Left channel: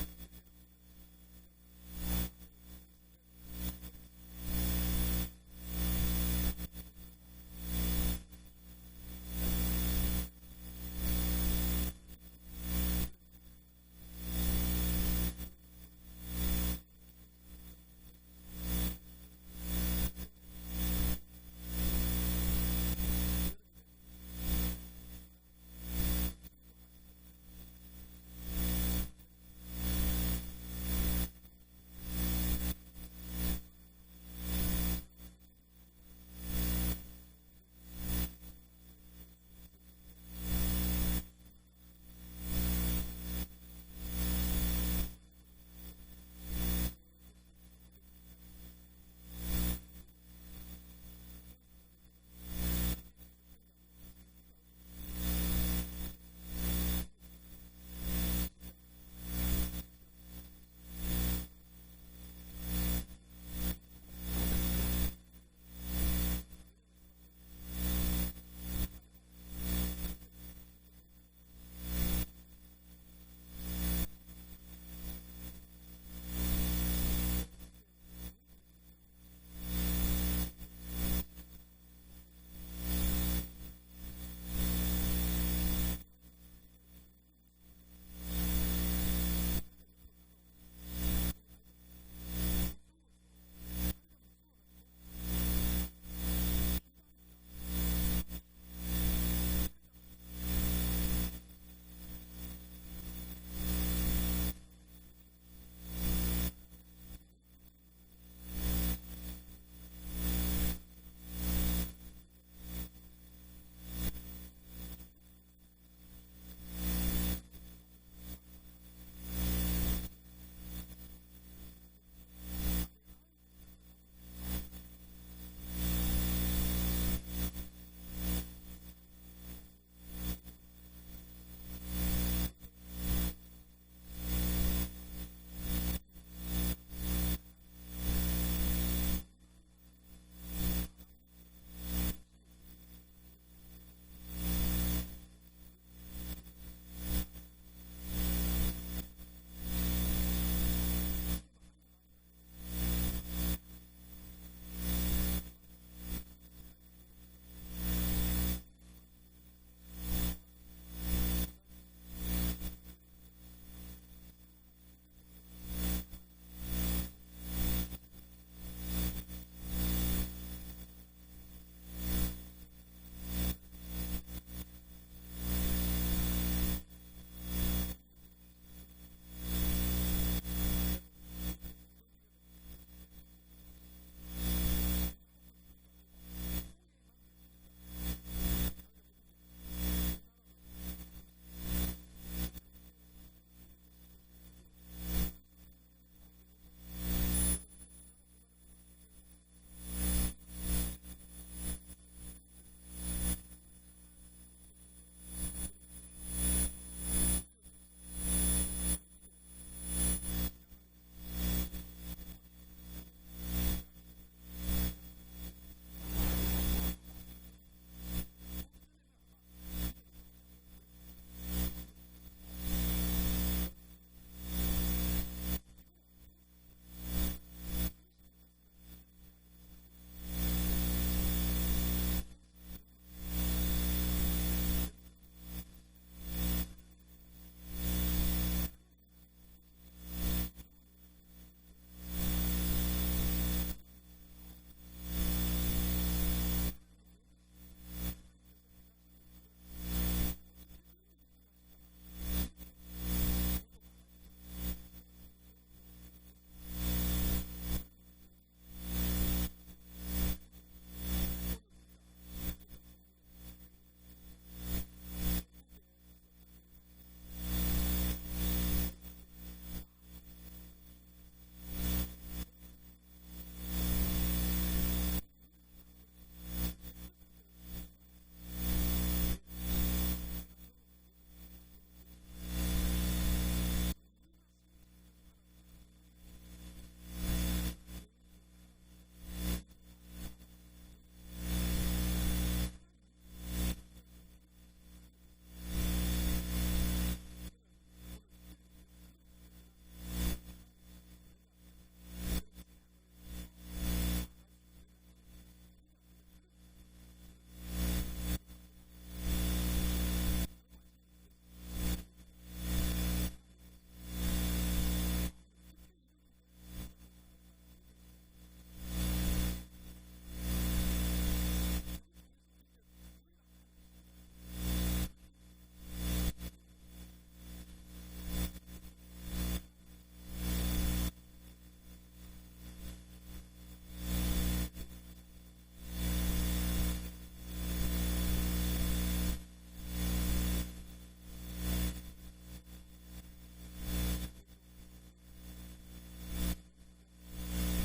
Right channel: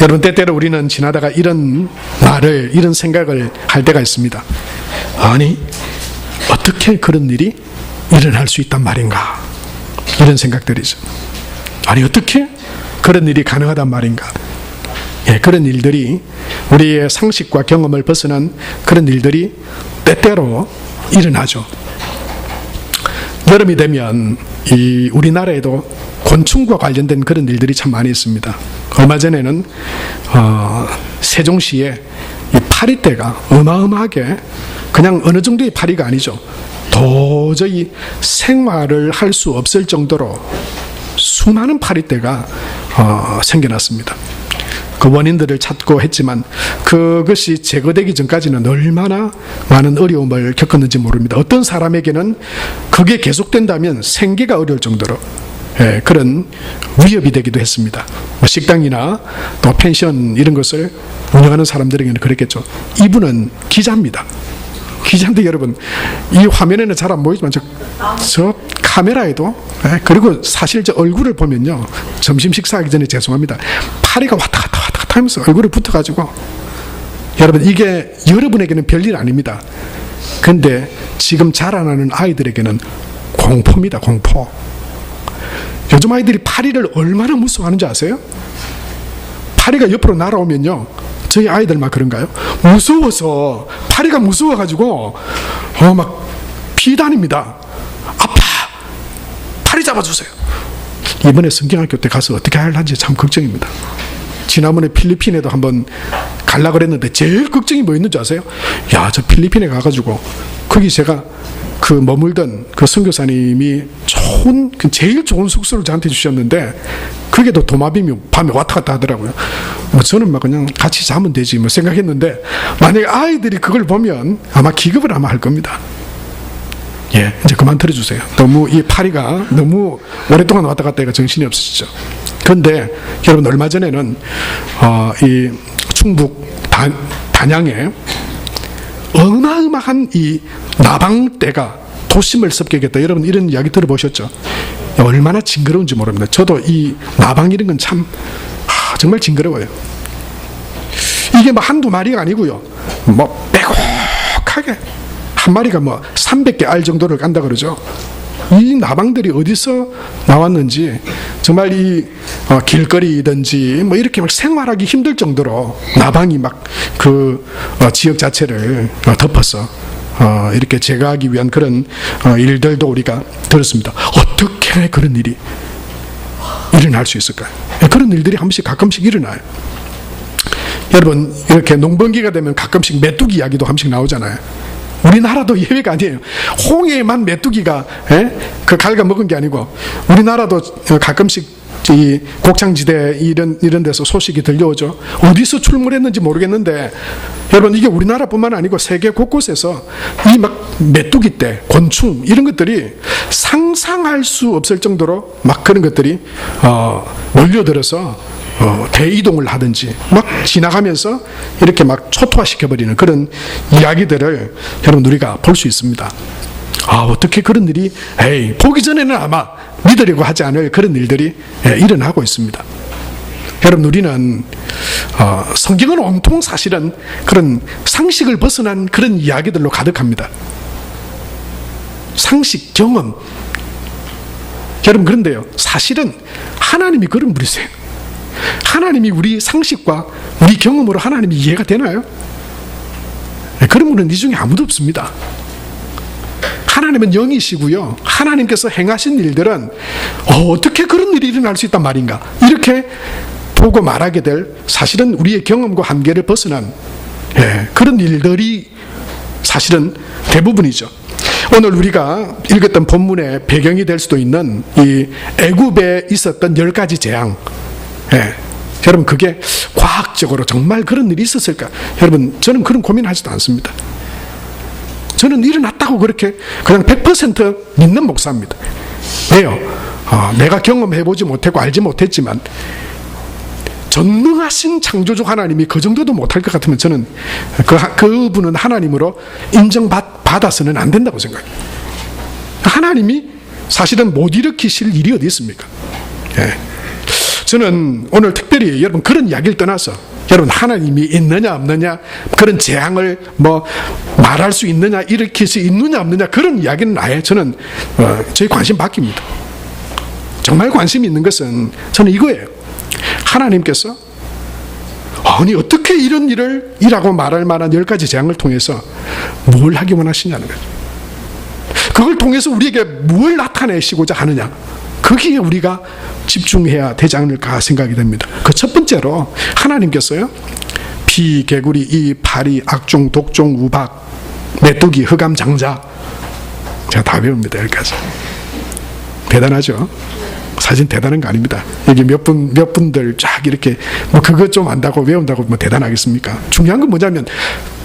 여러분, 때때로 우리는 지나다가 이런 말을, 이런 생각을 할 때가 있습니다. 아니, 어떻게 그런 일이 일어날 수 있단 말인가? 이런 생각들이죠. 아니, 어떻게 그런 일이 가능하단 말인가? 예, 그런 일들이, 우리의 상식과 경험을 벗어난 그런 일들이 때때로 일어나죠. 여름이 되면 이 우리나라에도 곤충과 관련된 그런 일들이 참 많이 있습니다. 얼마 전에는 세종시에 이 파리떼가 어마어마하게, 그냥 어느 정도의 파리가 아니죠, 도저히 생활을 할 수 없을 정도로 수많은 파리떼가 생겨났습니다. 그 원인들을 찾고 했지만 그것이 제거되기 전까지는 얼마나 많은 어려움을 겪었는지 모릅니다. 어떤 사람에게는 그게 계속된다면 생계가 어려울 정도로 그런 위협이 되기도 했습니다. 식당이나 또 펜션 이런 것을 운영하는 사람들에게는 그랬겠죠. 이분은 기자입니다. 기자인데 여러분, 이 화면에는 잘 안 보이지만 저 카메라에도, 그리고 사실 저 얼굴을 보면요, 점심 식사하기 전에 죄송합니다, 파리가 왔다 갔다 하면서 얼굴에 붙어가지고, 여러분, 이게 여러분에게는 별일 아닙니다. 근데 지금 자라나는 아이들에게는 공포입니다. 공포. 요즘 아이들이 파리를 얼마나 무서워하는지 아세요? 파리가 옆으로 날아오면요, 저희 아이들만 그런가요? 무서워서, 파리가 무서워가지고 막 피다닙니다. 아파, 파리 잡아주세요. 이번에 성경학교 때 가서 어떻게 할는지 참 걱정입니다. 지난번에 필리핀에도 한번 가려고 그랬는데 제일 걱정이 뭐 있는지 아세요? 야, 저 필리핀에 가가지고 거기 제가 그 머물던 그 선교사님이 좋은, 제일 좋은 숙소를 저한테 주셨는데 그게 또 도마뱀이 밤에 왔다 갔다 하더라고요. 저는 막 그냥 같이 자면 되지 뭐 생각했는데, 만약에 아이들이 그걸 보면 아마 기겁을 아마 할 겁니다. 예, 이제 그만 들어주세요. 너무 이 파리가 너무 오랫동안 왔다 갔다 해가 정신이 없으시죠. 그런데 여러분, 얼마 전에는 이 충북 단양에 어마어마한 이 나방떼가 도심을 습격했다. 여러분, 이런 이야기 들어보셨죠? 얼마나 징그러운지 모릅니다. 저도 이 나방 이런 건 참 정말 징그러워요. 이게 뭐 한두 마리가 아니고요, 뭐 빼곡하게 한 마리가 뭐 300개 알 정도를 깐다 그러죠. 이 나방들이 어디서 나왔는지 정말 이 길거리든지 뭐 이렇게 막 생활하기 힘들 정도로 나방이 막 그 지역 자체를 덮어서 이렇게 제거하기 위한 그런 일들도 우리가 들었습니다. 어떻게 그런 일이 일어날 수 있을까요? 그런 일들이 한 번씩 가끔씩 일어나요. 여러분, 이렇게 농번기가 되면 가끔씩 메뚜기 이야기도 한 번씩 나오잖아요. 우리나라도 예외가 아니에요. 홍해만 메뚜기가 그 갉아먹은 게 아니고, 우리나라도 가끔씩 이 곡창지대 이런 데서 소식이 들려오죠. 어디서 출몰했는지 모르겠는데 여러분, 이게 우리나라뿐만 아니고 세계 곳곳에서 이 막 메뚜기떼, 곤충 이런 것들이 상상할 수 없을 정도로 막 그런 것들이 몰려들어서 대이동을 하든지 막 지나가면서 이렇게 막 초토화시켜버리는 그런 이야기들을 여러분, 우리가 볼 수 있습니다. 어떻게 그런 일이, 보기 전에는 아마 믿으려고 하지 않을 그런 일들이 일어나고 있습니다. 여러분, 우리는 성경은 온통 사실은 그런 상식을 벗어난 그런 이야기들로 가득합니다. 상식, 경험. 여러분, 그런데요, 사실은 하나님이 그런 분이세요. 하나님이 우리 상식과 우리 경험으로 하나님이 이해가 되나요? 그런 분은 이 중에 아무도 없습니다. 하나님은 영이시고요, 하나님께서 행하신 일들은 어떻게 그런 일이 일어날 수 있단 말인가, 이렇게 보고 말하게 될, 사실은 우리의 경험과 한계를 벗어난 그런 일들이 사실은 대부분이죠. 오늘 우리가 읽었던 본문의 배경이 될 수도 있는 이 애굽에 있었던 10가지 재앙, 여러분, 그게 과학적으로 정말 그런 일이 있었을까? 여러분, 저는 그런 고민하지도 않습니다. 저는 일어났다고 그렇게 그냥 100% 믿는 목사입니다. 왜요? 내가 경험해보지 못했고 알지 못했지만 전능하신 창조주 하나님이 그 정도도 못할 것 같으면 저는 그분은 하나님으로 인정받아서는 안 된다고 생각해요. 하나님이 사실은 못 일으키실 일이 어디 있습니까? 저는 오늘 특별히 여러분 그런 이야기를 떠나서 여러분 하나님이 있느냐 없느냐 그런 재앙을 말할 수 있느냐 일으킬 수 있느냐 없느냐 그런 이야기는 아예 저는 저희 관심 바뀝니다. 정말 관심이 있는 것은 저는 이거예요. 하나님께서 아니 어떻게 이런 일을 이라고 말할 만한 10가지 재앙을 통해서 뭘 하기 원하시냐는 거죠. 그걸 통해서 우리에게 뭘 나타내시고자 하느냐, 거기에 우리가 집중해야 되지 않을까 생각이 됩니다. 그 첫 번째로 하나님께서요, 피, 개구리, 이, 파리, 악종, 독종, 우박, 메뚜기, 흑암, 장자, 제가 다 배웁니다. 여기까지. 대단하죠? 사실 대단한 거 아닙니다. 여기 몇 분들 쫙 이렇게 그것 좀 안다고 외운다고 대단하겠습니까? 중요한 건 뭐냐면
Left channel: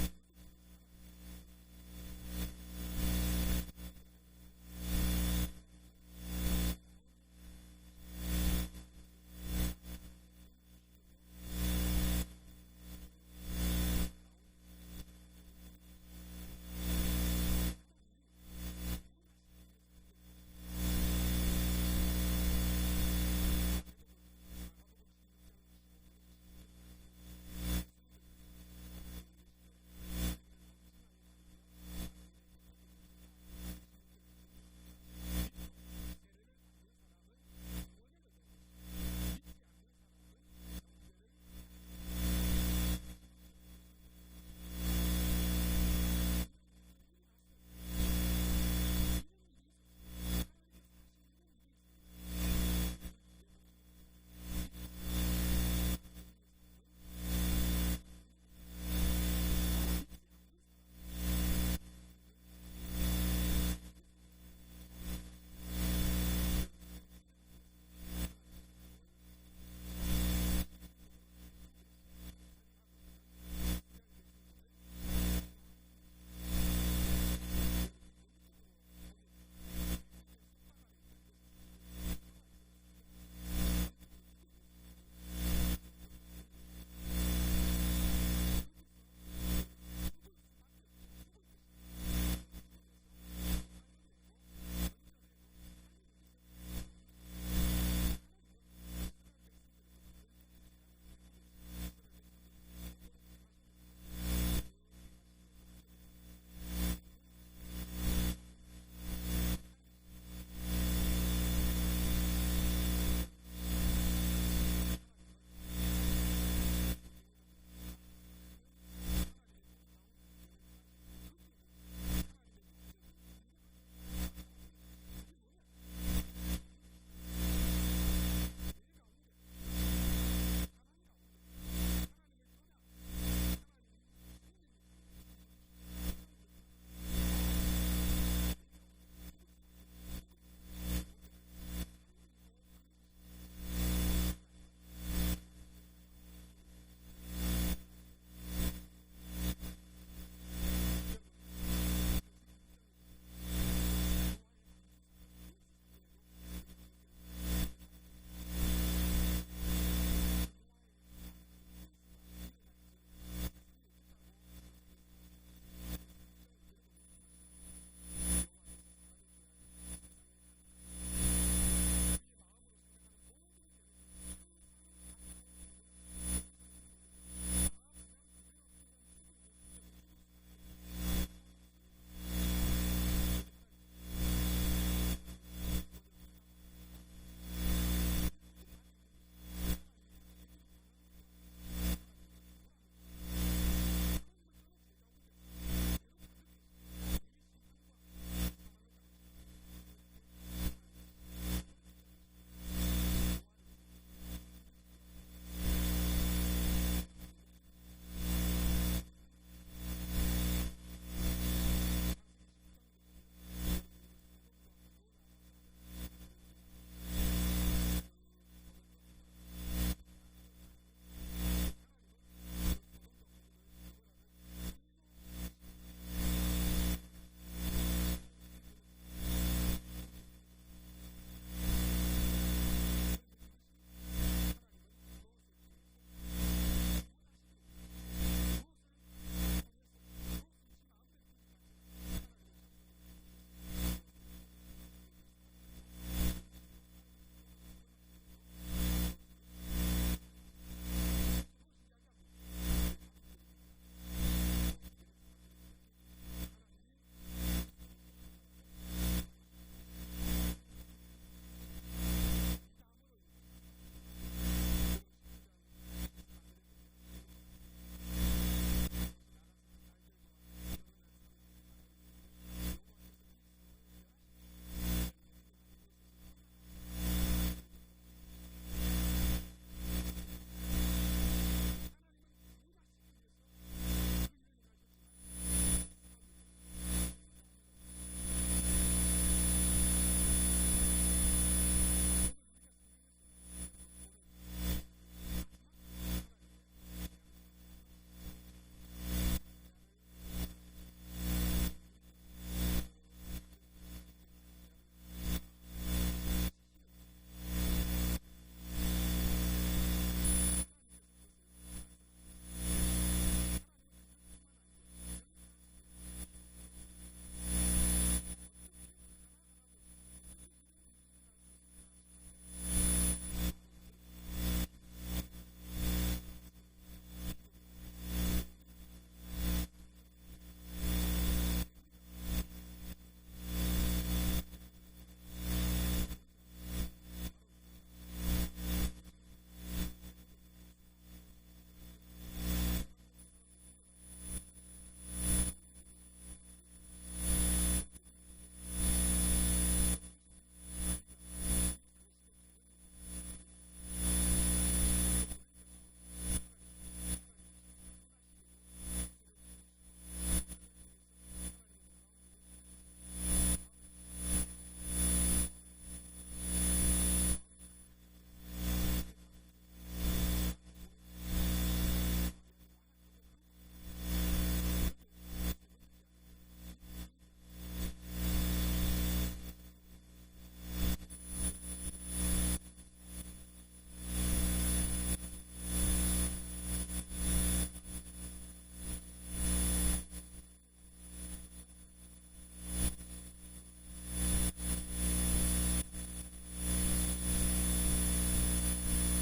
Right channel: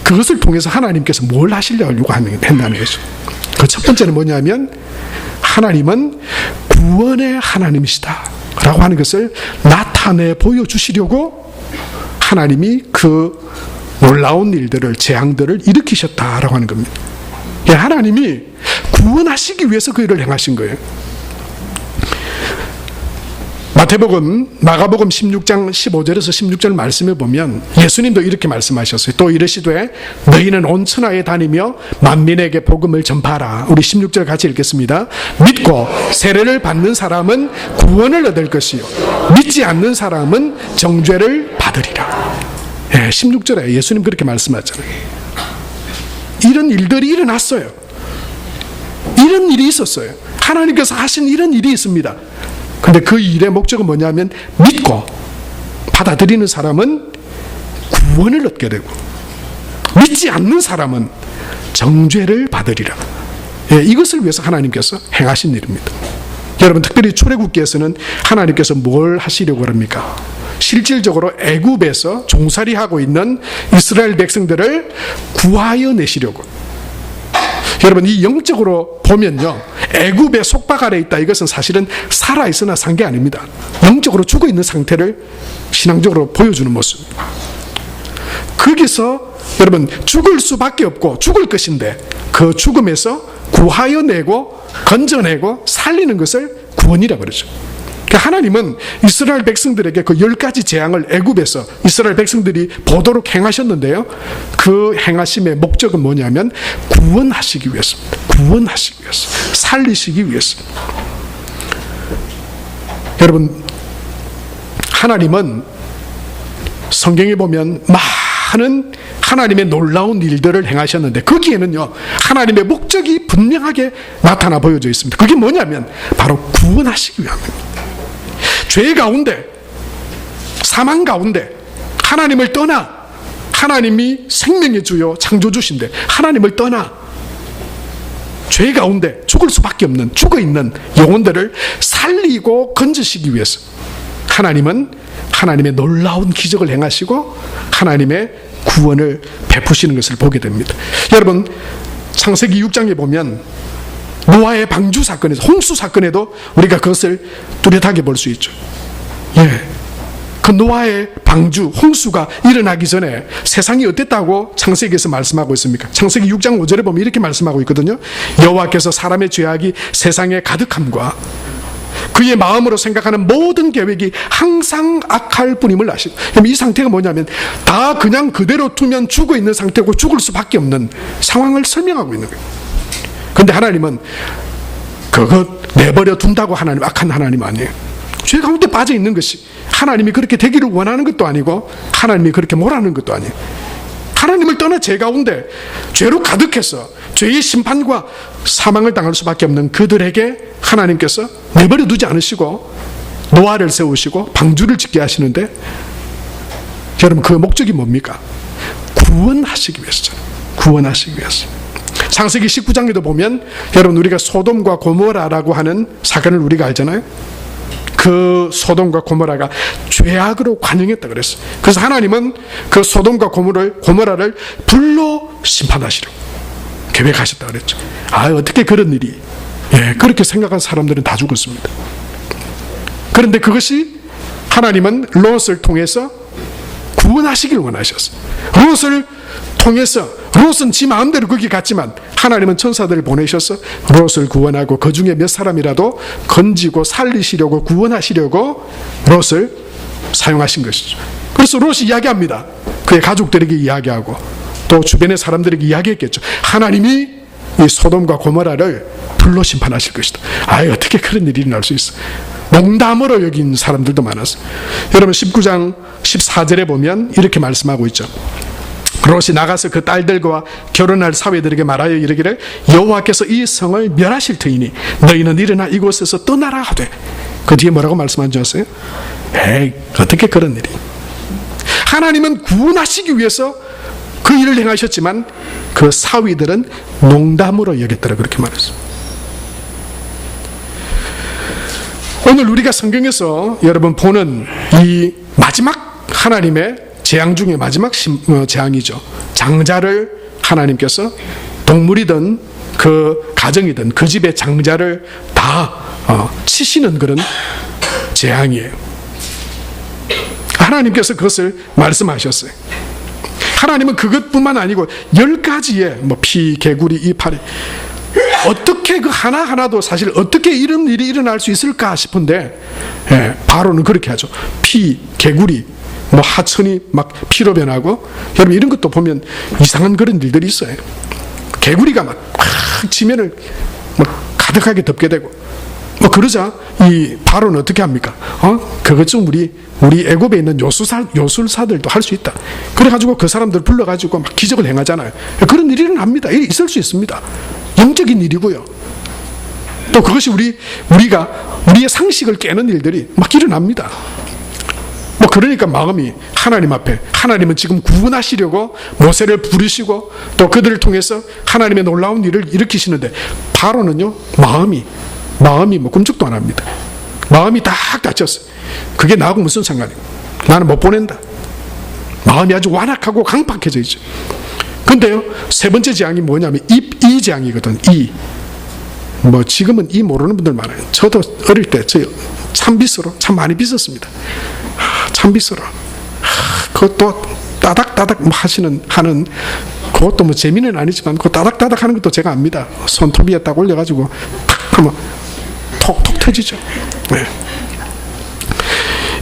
그것을 통해서 하나님께서 뭘 하시려고 한다는 거죠. 그 첫 번째는 뭐냐면 하나님은 구원의 하나님이시다 라고 하는 것을 나타내 보여주시려고 하나님이 그 놀라운 일들을, 재앙들을 일으키셨다라고 하는 겁니다. 하나님이 구원하시기 위해서 그 일을 행하신 거예요. 마가복음 16장 15절에서 16절 말씀에 보면 예수님도 이렇게 말씀하셨어요. 또 이르시되 너희는 온 천하에 다니며 만민에게 복음을 전파하라. 우리 16절 같이 읽겠습니다. 믿고 세례를 받는 사람은 구원을 얻을 것이요 믿지 않는 사람은 정죄를 받으리라. 16절에 예수님 그렇게 말씀하잖아요. 이런 일들이 일어났어요. 이런 일이 있었어요. 하나님께서 하신 이런 일이 있습니다. 근데 그 일의 목적은 뭐냐면 믿고 받아들이는 사람은 구원을 얻게 되고 믿지 않는 사람은 정죄를 받으리라. 이것을 위해서 하나님께서 행하신 일입니다. 여러분 특별히 출애굽기에서는 하나님께서 뭘 하시려고 합니까? 실질적으로 애굽에서 종살이하고 있는 이스라엘 백성들을 구하여 내시려고. 여러분 이 영적으로 보면요, 애굽의 속박 아래 있다 이것은 사실은 살아있으나 산 게 아닙니다. 영적으로 죽어있는 상태를 신앙적으로 보여주는 모습. 거기서 여러분 죽을 수밖에 없고 죽을 것인데 그 죽음에서 구하여 내고 건져내고 살리는 것을 구원이라고 그러죠. 하나님은 이스라엘 백성들에게 그 10가지 재앙을 애굽에서 이스라엘 백성들이 보도록 행하셨는데요, 그 행하심의 목적은 뭐냐면 구원하시기 위해서입니다. 구원하시기 위해서, 살리시기 위해서. 여러분 하나님은 성경에 보면 많은 하나님의 놀라운 일들을 행하셨는데 거기에는요 하나님의 목적이 분명하게 나타나 보여져 있습니다. 그게 뭐냐면 바로 구원하시기 위함입니다. 죄 가운데, 사망 가운데 하나님을 떠나, 하나님이 생명의 주요 창조주신데 하나님을 떠나 죄 가운데 죽을 수밖에 없는 죽어있는 영혼들을 살리고 건지시기 위해서 하나님은 하나님의 놀라운 기적을 행하시고 하나님의 구원을 베푸시는 것을 보게 됩니다. 여러분 창세기 6장에 보면 노아의 방주 사건에서, 홍수 사건에도 우리가 그것을 뚜렷하게 볼 수 있죠. 그 노아의 방주, 홍수가 일어나기 전에 세상이 어땠다고 창세기에서 말씀하고 있습니까? 창세기 6장 5절에 보면 이렇게 말씀하고 있거든요. 여호와께서 사람의 죄악이 세상에 가득함과 그의 마음으로 생각하는 모든 계획이 항상 악할 뿐임을 아시고. 이 상태가 뭐냐면 다 그냥 그대로 두면 죽어있는 상태고 죽을 수밖에 없는 상황을 설명하고 있는 거예요. 근데 하나님은 그것 내버려 둔다고 하나님 악한 하나님 아니에요. 죄 가운데 빠져 있는 것이 하나님이 그렇게 되기를 원하는 것도 아니고 하나님이 그렇게 뭐라는 것도 아니에요. 하나님을 떠나 죄 가운데 죄로 가득해서 죄의 심판과 사망을 당할 수밖에 없는 그들에게 하나님께서 내버려 두지 않으시고 노아를 세우시고 방주를 짓게 하시는데 여러분 그 목적이 뭡니까? 구원하시기 위해서잖아요. 구원하시기 위해서. 창세기 19장에도 보면 여러분 우리가 소돔과 고모라라고 하는 사건을 우리가 알잖아요. 그 소돔과 고모라가 죄악으로 관영했다 그랬어요. 그래서 하나님은 그 소돔과 고모라를 불로 심판하시려고 계획하셨다 그랬죠. 어떻게 그런 일이, 그렇게 생각한 사람들은 다 죽었습니다. 그런데 그것이 하나님은 롯을 통해서 구원하시길 원하셨어요. 롯을 통해서 롯은 지 마음대로 거기 갔지만 하나님은 천사들을 보내셔서 롯을 구원하고 그 중에 몇 사람이라도 건지고 살리시려고 구원하시려고 롯을 사용하신 것이죠. 그래서 롯이 이야기합니다. 그의 가족들에게 이야기하고 또 주변의 사람들에게 이야기했겠죠. 하나님이 이 소돔과 고모라를 불로 심판하실 것이다. 아이, 어떻게 그런 일이 일어날 수 있어. 농담으로 여긴 사람들도 많았어요. 여러분 19장 14절에 보면 이렇게 말씀하고 있죠. 롯이 나가서 그 딸들과 결혼할 사위들에게 말하여 이르기를 여호와께서 이 성을 멸하실 터이니 너희는 일어나 이곳에서 떠나라 하되. 그 뒤에 뭐라고 말씀한 줄 아세요? 에이, 어떻게 그런 일이. 하나님은 구원하시기 위해서 그 일을 행하셨지만 그 사위들은 농담으로 여겼더라, 그렇게 말했습니다. 오늘 우리가 성경에서 여러분 보는 이 마지막 하나님의 재앙 중에 마지막 재앙이죠. 장자를 하나님께서 동물이든 그 가정이든 그 집의 장자를 다 치시는 그런 재앙이에요. 하나님께서 그것을 말씀하셨어요. 하나님은 그것뿐만 아니고 10가지의 뭐 피, 개구리, 이파리, 어떻게 그 하나하나도 사실 어떻게 이런 일이 일어날 수 있을까 싶은데, 바로는 그렇게 하죠. 피, 개구리, 뭐 하천이 막 피로 변하고, 여러분 이런 것도 보면 이상한 그런 일들이 있어요. 개구리가 막 지면을 막 가득하게 덮게 되고, 뭐 그러자 이 바로는 어떻게 합니까? 그것 좀 우리 애굽에 있는 요술사들도 할 수 있다. 그래가지고 그 사람들 불러가지고 막 기적을 행하잖아요. 그런 일이 일어납니다. 있을 수 있습니다. 영적인 일이고요. 또 그것이 우리의 상식을 깨는 일들이 막 일어납니다. 뭐 그러니까 마음이 하나님 앞에, 하나님은 지금 구원하시려고 모세를 부르시고 또 그들을 통해서 하나님의 놀라운 일을 일으키시는데, 바로는요 마음이 뭐 꿈쩍도 안 합니다. 마음이 딱 닫혔어요. 그게 나하고 무슨 상관이에요? 나는 못 보낸다. 마음이 아주 완악하고 강팍해져 있죠. 근데요, 세 번째 재앙이 뭐냐면 이 재앙이거든. 뭐 지금은 이 모르는 분들 많아요. 저도 어릴 때 참 빗으로 참 많이 빗었습니다. 참 빗으로. 그것도 따닥따닥 뭐 하는 그것도 뭐 재미는 아니지만 그 따닥따닥 하는 것도 제가 압니다. 손톱 위에 딱 올려가지고 탁 하면 톡톡 터지죠. 네.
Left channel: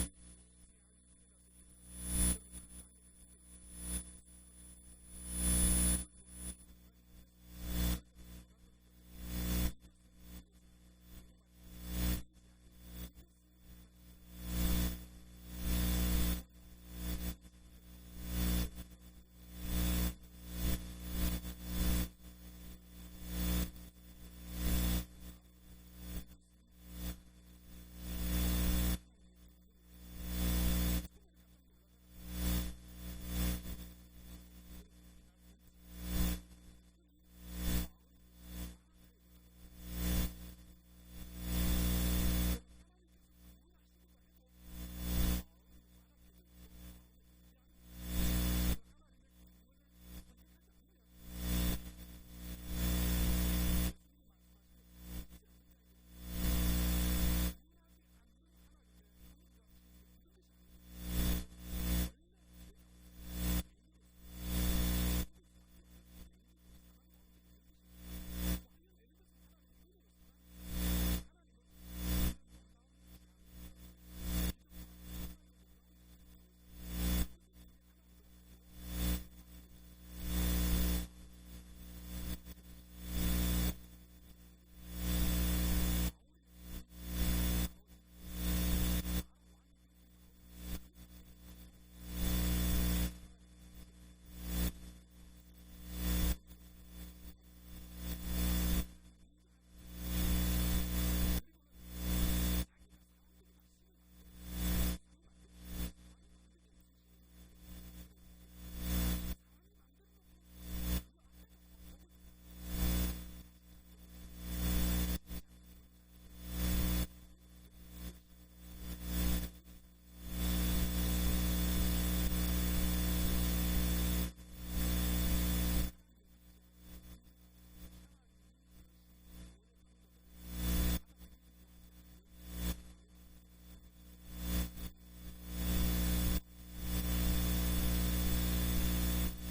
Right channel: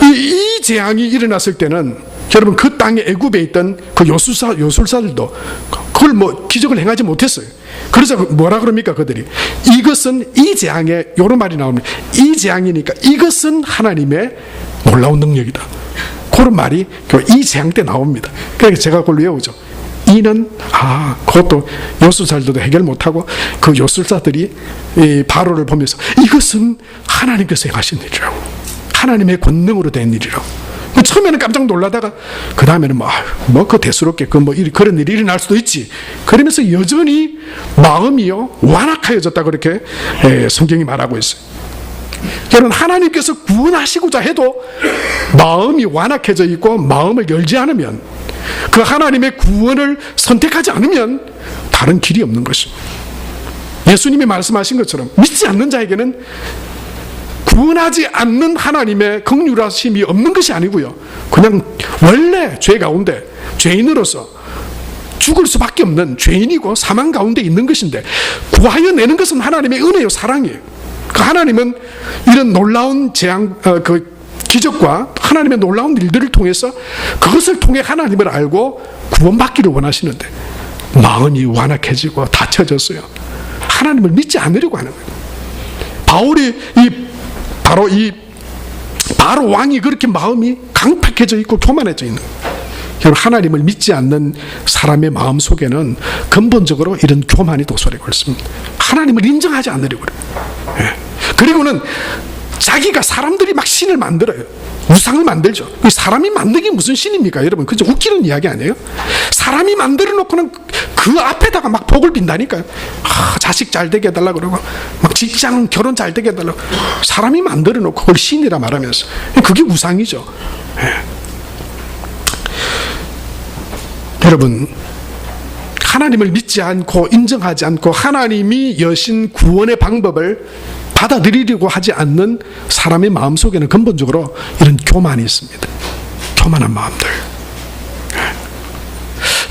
이 재앙이 일어났을 때는 여러분 그 땅에 애굽에 있던 그 요술사들도 그걸 뭐 기적을 행하지 못했어요. 그래서 뭐라 그럽니까 그들이? 이것은 이 재앙에 요런 말이 나옵니다. 이 재앙이니까 이것은 하나님의 놀라운 능력이다. 그런 말이 이 재앙 때 나옵니다. 그래서 제가 그걸 외우죠. 이는 그것도 요술사들도 해결 못하고 그 요술사들이 이 바로를 보면서 이것은 하나님께서 행하신 일이라고, 하나님의 권능으로 된 일이라고. 처음에는 깜짝 놀라다가 그 다음에는 그 대수롭게 그런 일이 일어날 수도 있지. 그러면서 여전히 마음이요 완악하여졌다, 그렇게 성경이 말하고 있어요. 여러분 하나님께서 구원하시고자 해도 마음이 완악해져 있고 마음을 열지 않으면, 그 하나님의 구원을 선택하지 않으면 다른 길이 없는 것입니다. 예수님이 말씀하신 것처럼 믿지 않는 자에게는 구원하지 않는 하나님의 긍휼하심이 없는 것이 아니고요, 그냥 원래 죄 가운데 죄인으로서 죽을 수밖에 없는 죄인이고 사망 가운데 있는 것인데, 구하여 내는 것은 하나님의 은혜요 사랑이에요. 그 하나님은 이런 놀라운 재앙, 기적과 하나님의 놀라운 일들을 통해서 그것을 통해 하나님을 알고 구원받기를 원하시는데 마음이 완악해지고 닫혀졌어요. 하나님을 믿지 않으려고 하는 거예요. 바로 왕이 그렇게 마음이 강팍해져 있고 교만해져 있는 거예요. 하나님을 믿지 않는 사람의 마음 속에는 근본적으로 이런 교만이 도사리고 있습니다. 하나님을 인정하지 않으려고 그래요. 그리고는 자기가, 사람들이 막 신을 만들어요. 우상을 만들죠. 사람이 만든 게 무슨 신입니까? 여러분, 그저 웃기는 이야기 아니에요? 사람이 만들어 놓고는 그 앞에다가 막 복을 빈다니까요. 자식 잘 되게 해달라고 그러고, 막 직장, 결혼 잘 되게 해달라고. 사람이 만들어 놓고 그걸 신이라 말하면서. 그게 우상이죠. 여러분, 하나님을 믿지 않고 인정하지 않고 하나님이 여신 구원의 방법을 받아들이려고 하지 않는 사람의 마음속에는 근본적으로 이런 교만이 있습니다. 교만한 마음들.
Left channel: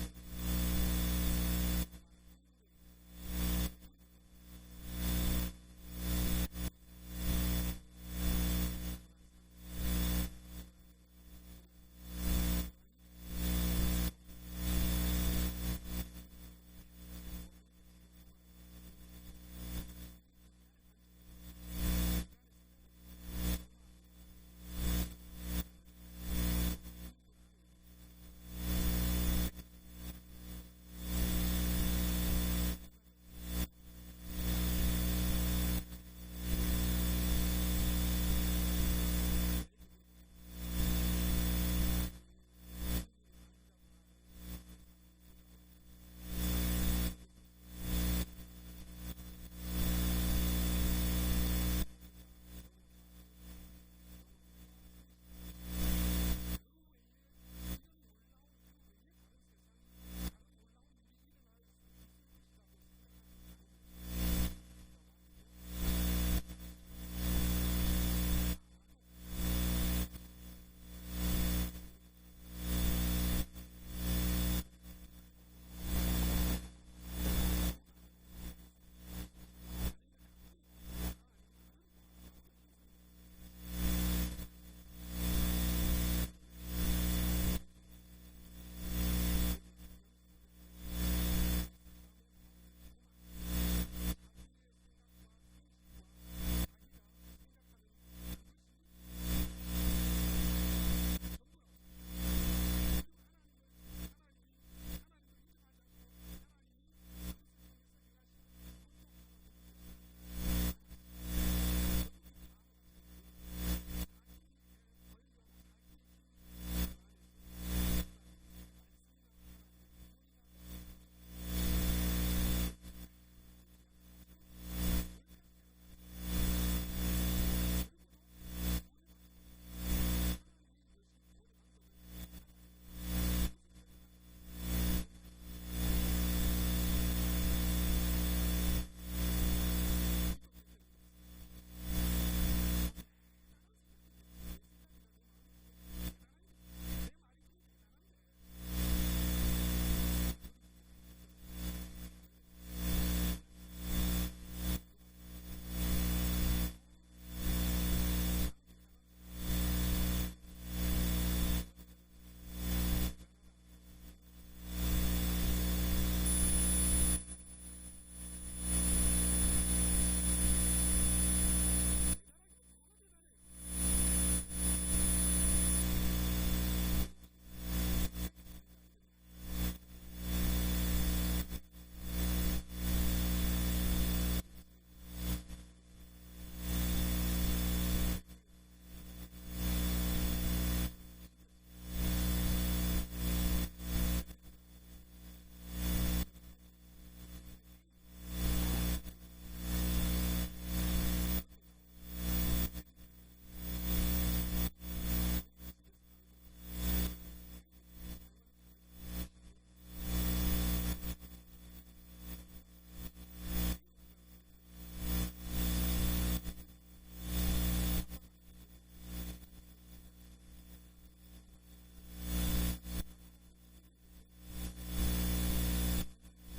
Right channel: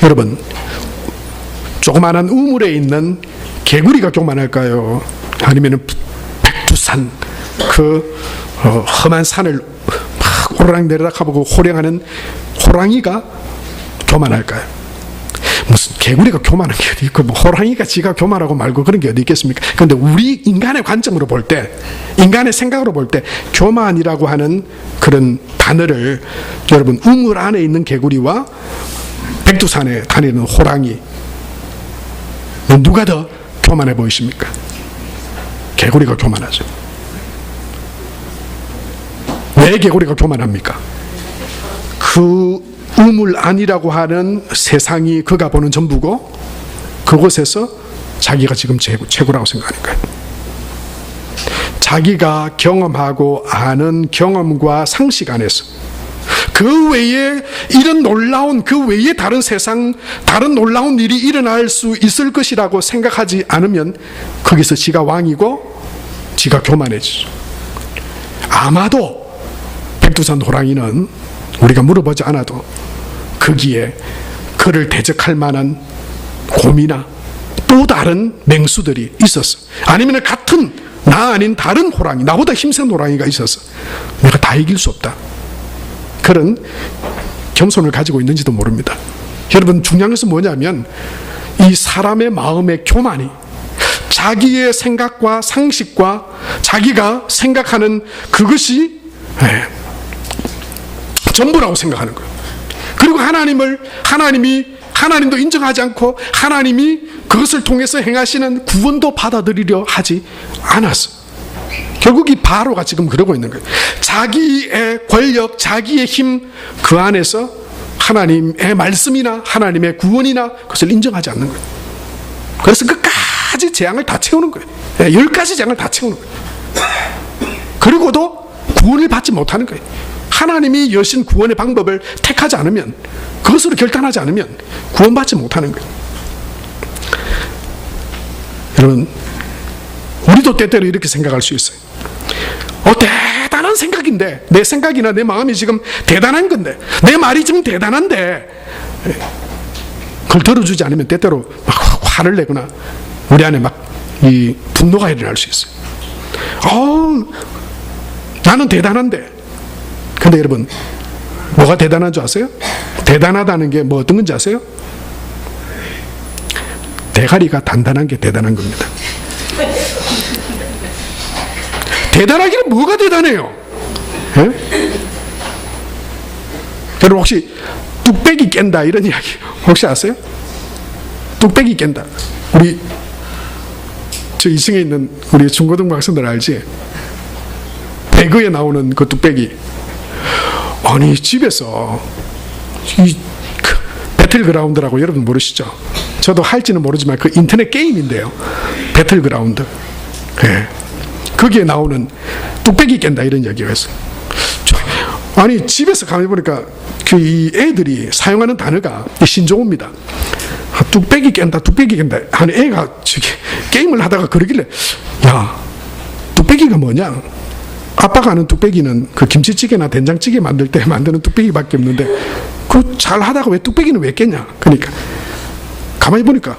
여러분, 조그마한 우물에 있는 개구리가 교만할까요? 아니면 백두산 그 험한 산을 막 오르락 내리락 하고 호령하는 호랑이가 교만할까요? 무슨 개구리가 교만한 게 어디 있고 뭐 호랑이가 지가 교만하고 말고 그런 게 어디 있겠습니까? 그런데 우리 인간의 관점으로 볼 때, 인간의 생각으로 볼 때 교만이라고 하는 그런 단어를 여러분 우물 안에 있는 개구리와 백두산에 다니는 호랑이 누가 더 교만해 보이십니까? 개구리가 교만하죠. 왜 개구리가 교만합니까? 그 우물 안이라고 하는 세상이 그가 보는 전부고 그곳에서 자기가 지금 최고라고 생각하는 거예요. 자기가 경험하고 아는 경험과 상식 안에서 그 외에 이런 놀라운 그 외에 다른 세상 다른 놀라운 일이 일어날 수 있을 것이라고 생각하지 않으면 거기서 지가 왕이고 지가 교만해지죠. 아마도 백두산 호랑이는 우리가 물어보지 않아도 거기에 그를 대적할 만한 곰이나 또 다른 맹수들이 있었어. 아니면 같은 나 아닌 다른 호랑이, 나보다 힘센 호랑이가 있었어. 내가 다 이길 수 없다. 그런 겸손을 가지고 있는지도 모릅니다. 여러분 중요한 것은 뭐냐면 이 사람의 마음의 교만이 자기의 생각과 상식과 자기가 생각하는 그것이 전부라고 생각하는 거예요. 그리고 하나님도 인정하지 않고 하나님이 그것을 통해서 행하시는 구원도 받아들이려 하지 않았어. 결국 이 바로가 지금 그러고 있는 거예요. 자기의 권력, 자기의 힘 그 안에서 하나님의 말씀이나 하나님의 구원이나 그것을 인정하지 않는 거예요. 그래서 끝까지 재앙을 다 채우는 거예요. 10가지 재앙을 다 채우는 거예요. 그리고도 구원을 받지 못하는 거예요. 하나님이 여신 구원의 방법을 택하지 않으면, 그것으로 결단하지 않으면 구원받지 못하는 거예요. 여러분, 우리도 때때로 이렇게 생각할 수 있어요. 대단한 생각인데, 내 생각이나 내 마음이 지금 대단한 건데, 내 말이 지금 대단한데 그걸 들어주지 않으면 때때로 막 화를 내거나 우리 안에 막 이 분노가 일어날 수 있어요. 나는 대단한데. 근데 여러분, 뭐가 대단한 줄 아세요? 대단하다는 게 뭐 어떤 건지 아세요? 대가리가 단단한 게 대단한 겁니다. 대단하기는 뭐가 대단해요? 여러분 혹시 뚝배기 깬다 이런 이야기 혹시 아세요? 뚝배기 깬다. 우리 저 2층에 있는 우리 중고등부 학생들 알지? 배그에 나오는 그 뚝배기. 아니 집에서 이 배틀그라운드라고 여러분 모르시죠? 저도 할지는 모르지만 그 인터넷 게임인데요. 배틀그라운드. 거기에 나오는 뚝배기 깬다 이런 얘기가 있어요. 아니 집에서 가만히 보니까 그 이 애들이 사용하는 단어가 신조어입니다. 뚝배기 깬다 하는 애가 저기 게임을 하다가 그러길래, 야, 뚝배기가 뭐냐? 아빠가 아는 뚝배기는 그 김치찌개나 된장찌개 만들 때 만드는 뚝배기밖에 없는데 그 잘 하다가 왜 뚝배기는 왜 깼냐? 그러니까 가만히 보니까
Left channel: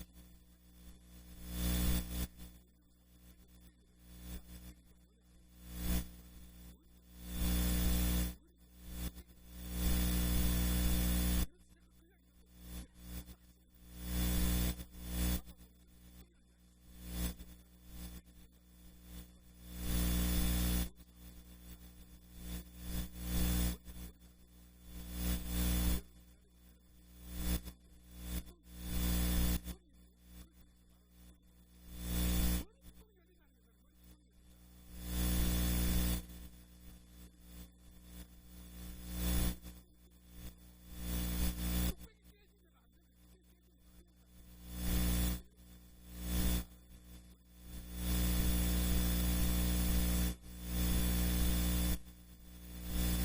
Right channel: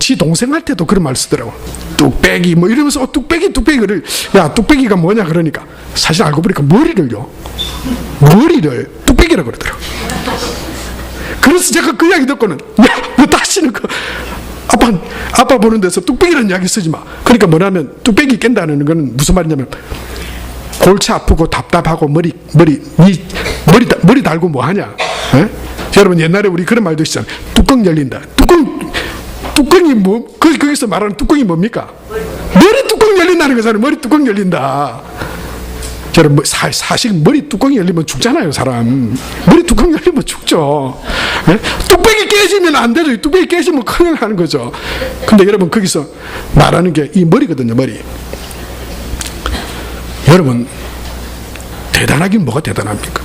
지 동생 할 때도 그런 말 쓰더라고. 뚝배기 뭐 이러면서 뚝배기를, 야, 뚝배기가 뭐냐 그러니까 사실 알고 보니까 머리를 뚝배기라고 그러더라고. 그래서 제가 그 이야기 듣고는, 야, 너 다시는 그 아빠 보는 데서 뚝배기라는 이야기 쓰지 마. 그러니까 뭐냐면 뚝배기 깬다는 건 무슨 말이냐면 골치 아프고 답답하고 머리 달고 뭐 하냐? 여러분 옛날에 우리 그런 말도 있잖아요. 뚜껑 열린다. 뚜껑이 뭐 거기서 말하는 뚜껑이 뭡니까? 머리 뚜껑 열린다는 거잖아요. 머리 뚜껑 열린다. 여러분 사실 머리 뚜껑이 열리면 죽잖아요. 사람 머리 뚜껑 열리면 죽죠. 뚝배기 깨지면 안 되죠. 뚝배기 깨지면 큰일 나는 거죠. 근데 여러분 거기서 말하는 게 이 머리거든요. 머리. 여러분 대단하긴 뭐가 대단합니까?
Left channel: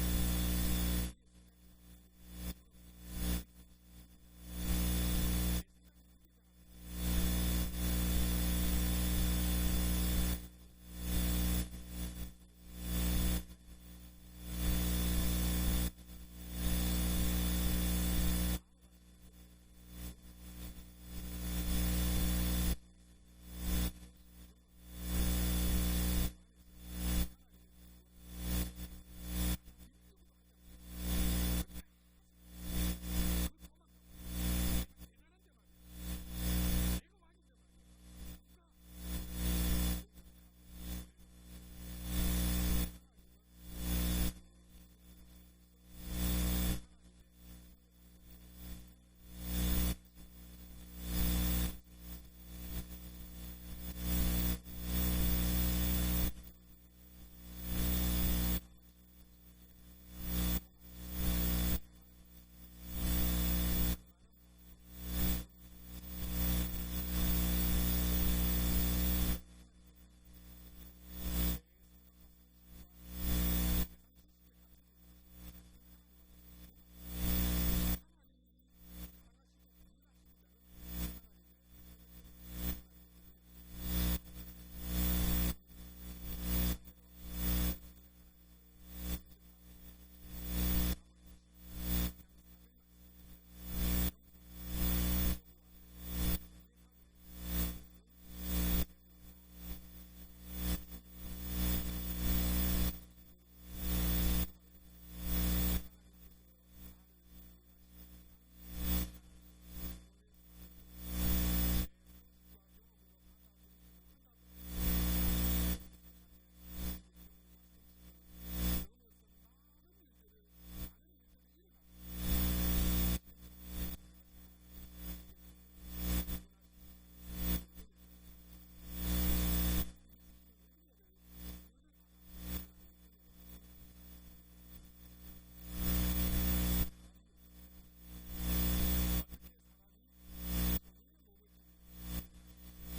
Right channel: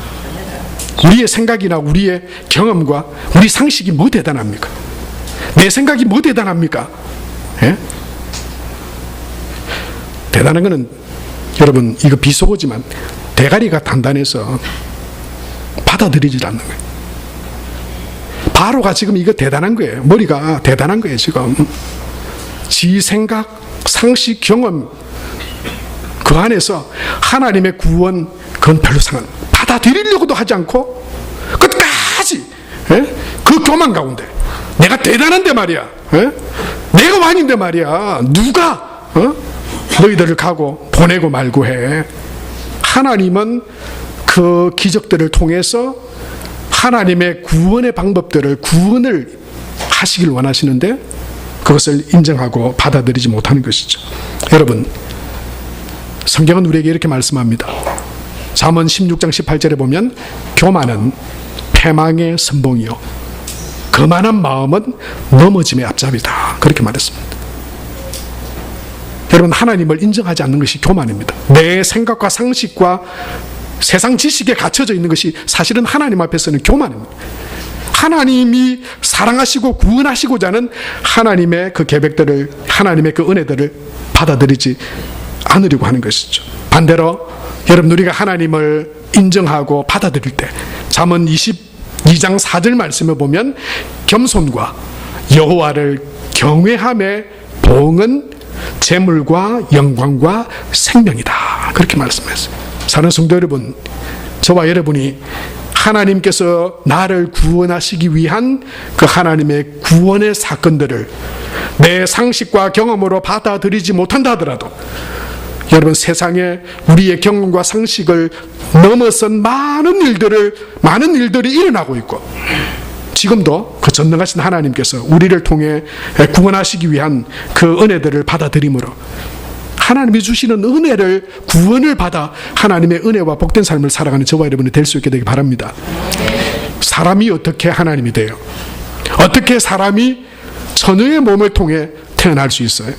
우리의 생각이나 우리의 경험과 우리 상식이 뭐 대단합니까? 내 생각이 뭐 대단합니까? 대단한 거는 여러분 이거 비속어지만 대가리가 단단해서 받아들이질 않는 거예요. 바로가 지금 이거 대단한 거예요. 머리가 대단한 거예요, 지금. 지 생각, 상식, 경험, 그 안에서 하나님의 구원, 그건 별로 받아들이려고도 하지 않고 끝까지 그 교만 가운데 내가 대단한데 말이야, 내가 왕인데 말이야, 누가 너희들을 가고 보내고 말고 해. 하나님은 그 기적들을 통해서 하나님의 구원의 방법들을, 구원을 하시길 원하시는데 그것을 인정하고 받아들이지 못하는 것이죠. 여러분, 성경은 우리에게 이렇게 말씀합니다. 잠언 16장 18절에 보면 교만은 패망의 선봉이요 거만한 마음은 넘어짐의 앞잡이다, 그렇게 말했습니다. 여러분, 하나님을 인정하지 않는 것이 교만입니다. 내 생각과 상식과 세상 지식에 갇혀져 있는 것이 사실은 하나님 앞에서는 교만입니다. 하나님이 사랑하시고 구원하시고자 하는 하나님의 그 계획들을, 하나님의 그 은혜들을 받아들이지 않으려고 하는 것이죠. 반대로 여러분, 우리가 하나님을 인정하고 받아들일 때 잠언 22장 4절 말씀에 보면 겸손과 여호와를 경외함의 보응은 재물과 영광과 생명이다, 그렇게 말씀했어요. 사랑하는 성도 여러분, 저와 여러분이 하나님께서 나를 구원하시기 위한 그 하나님의 구원의 사건들을 내 상식과 경험으로 받아들이지 못한다 하더라도 여러분, 세상에 우리의 경험과 상식을 넘어선 많은 일들이 일어나고 있고 지금도 그 전능하신 하나님께서 우리를 통해 구원하시기 위한 그 은혜들을 받아들임으로 하나님이 주시는 은혜를, 구원을 받아 하나님의 은혜와 복된 삶을 살아가는 저와 여러분이 될 수 있게 되기 바랍니다. 사람이 어떻게 하나님이 돼요? 어떻게 사람이 천의 몸을 통해 태어날 수 있어요?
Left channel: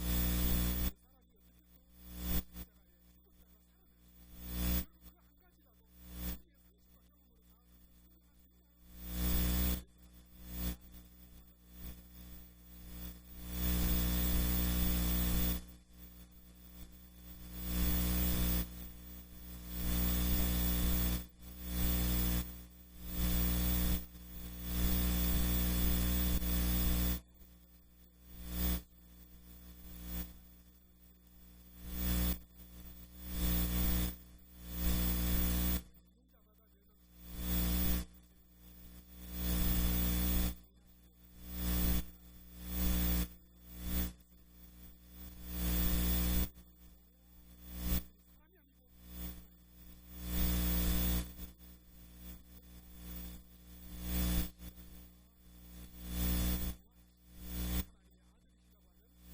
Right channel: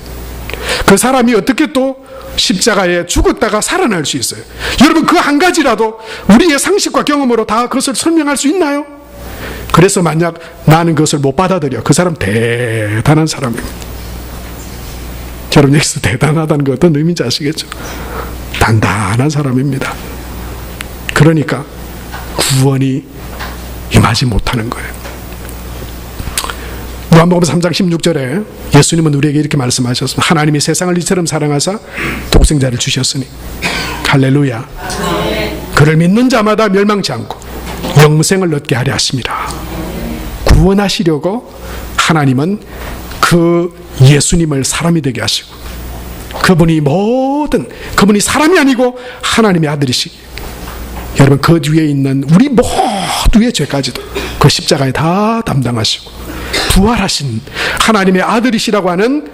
그 사람이 어떻게 또 십자가에 죽었다가 살아날 수 있어요? 여러분, 그 한 가지라도 우리의 상식과 경험으로 다 그것을 설명할 수 있나요? 그래서 만약 나는 그것을 못 받아들여, 그 사람 대단한 사람입니다. 여러분, 여기서 대단하다는 게 어떤 의미인지 아시겠죠? 단단한 사람입니다. 그러니까 구원이 임하지 못하는 거예요. 요한복음 3장 16절에 예수님은 우리에게 이렇게 말씀하셨습니다. 하나님이 세상을 이처럼 사랑하사 독생자를 주셨으니, 할렐루야, 그를 믿는 자마다 멸망치 않고 영생을 얻게 하려 하심이라. 구원하시려고 하나님은 그 예수님을 사람이 되게 하시고, 그분이 사람이 아니고 하나님의 아들이시기, 여러분, 그 뒤에 있는 우리 모두의 죄까지도 그 십자가에 다 담당하시고 부활하신 하나님의 아들이시라고 하는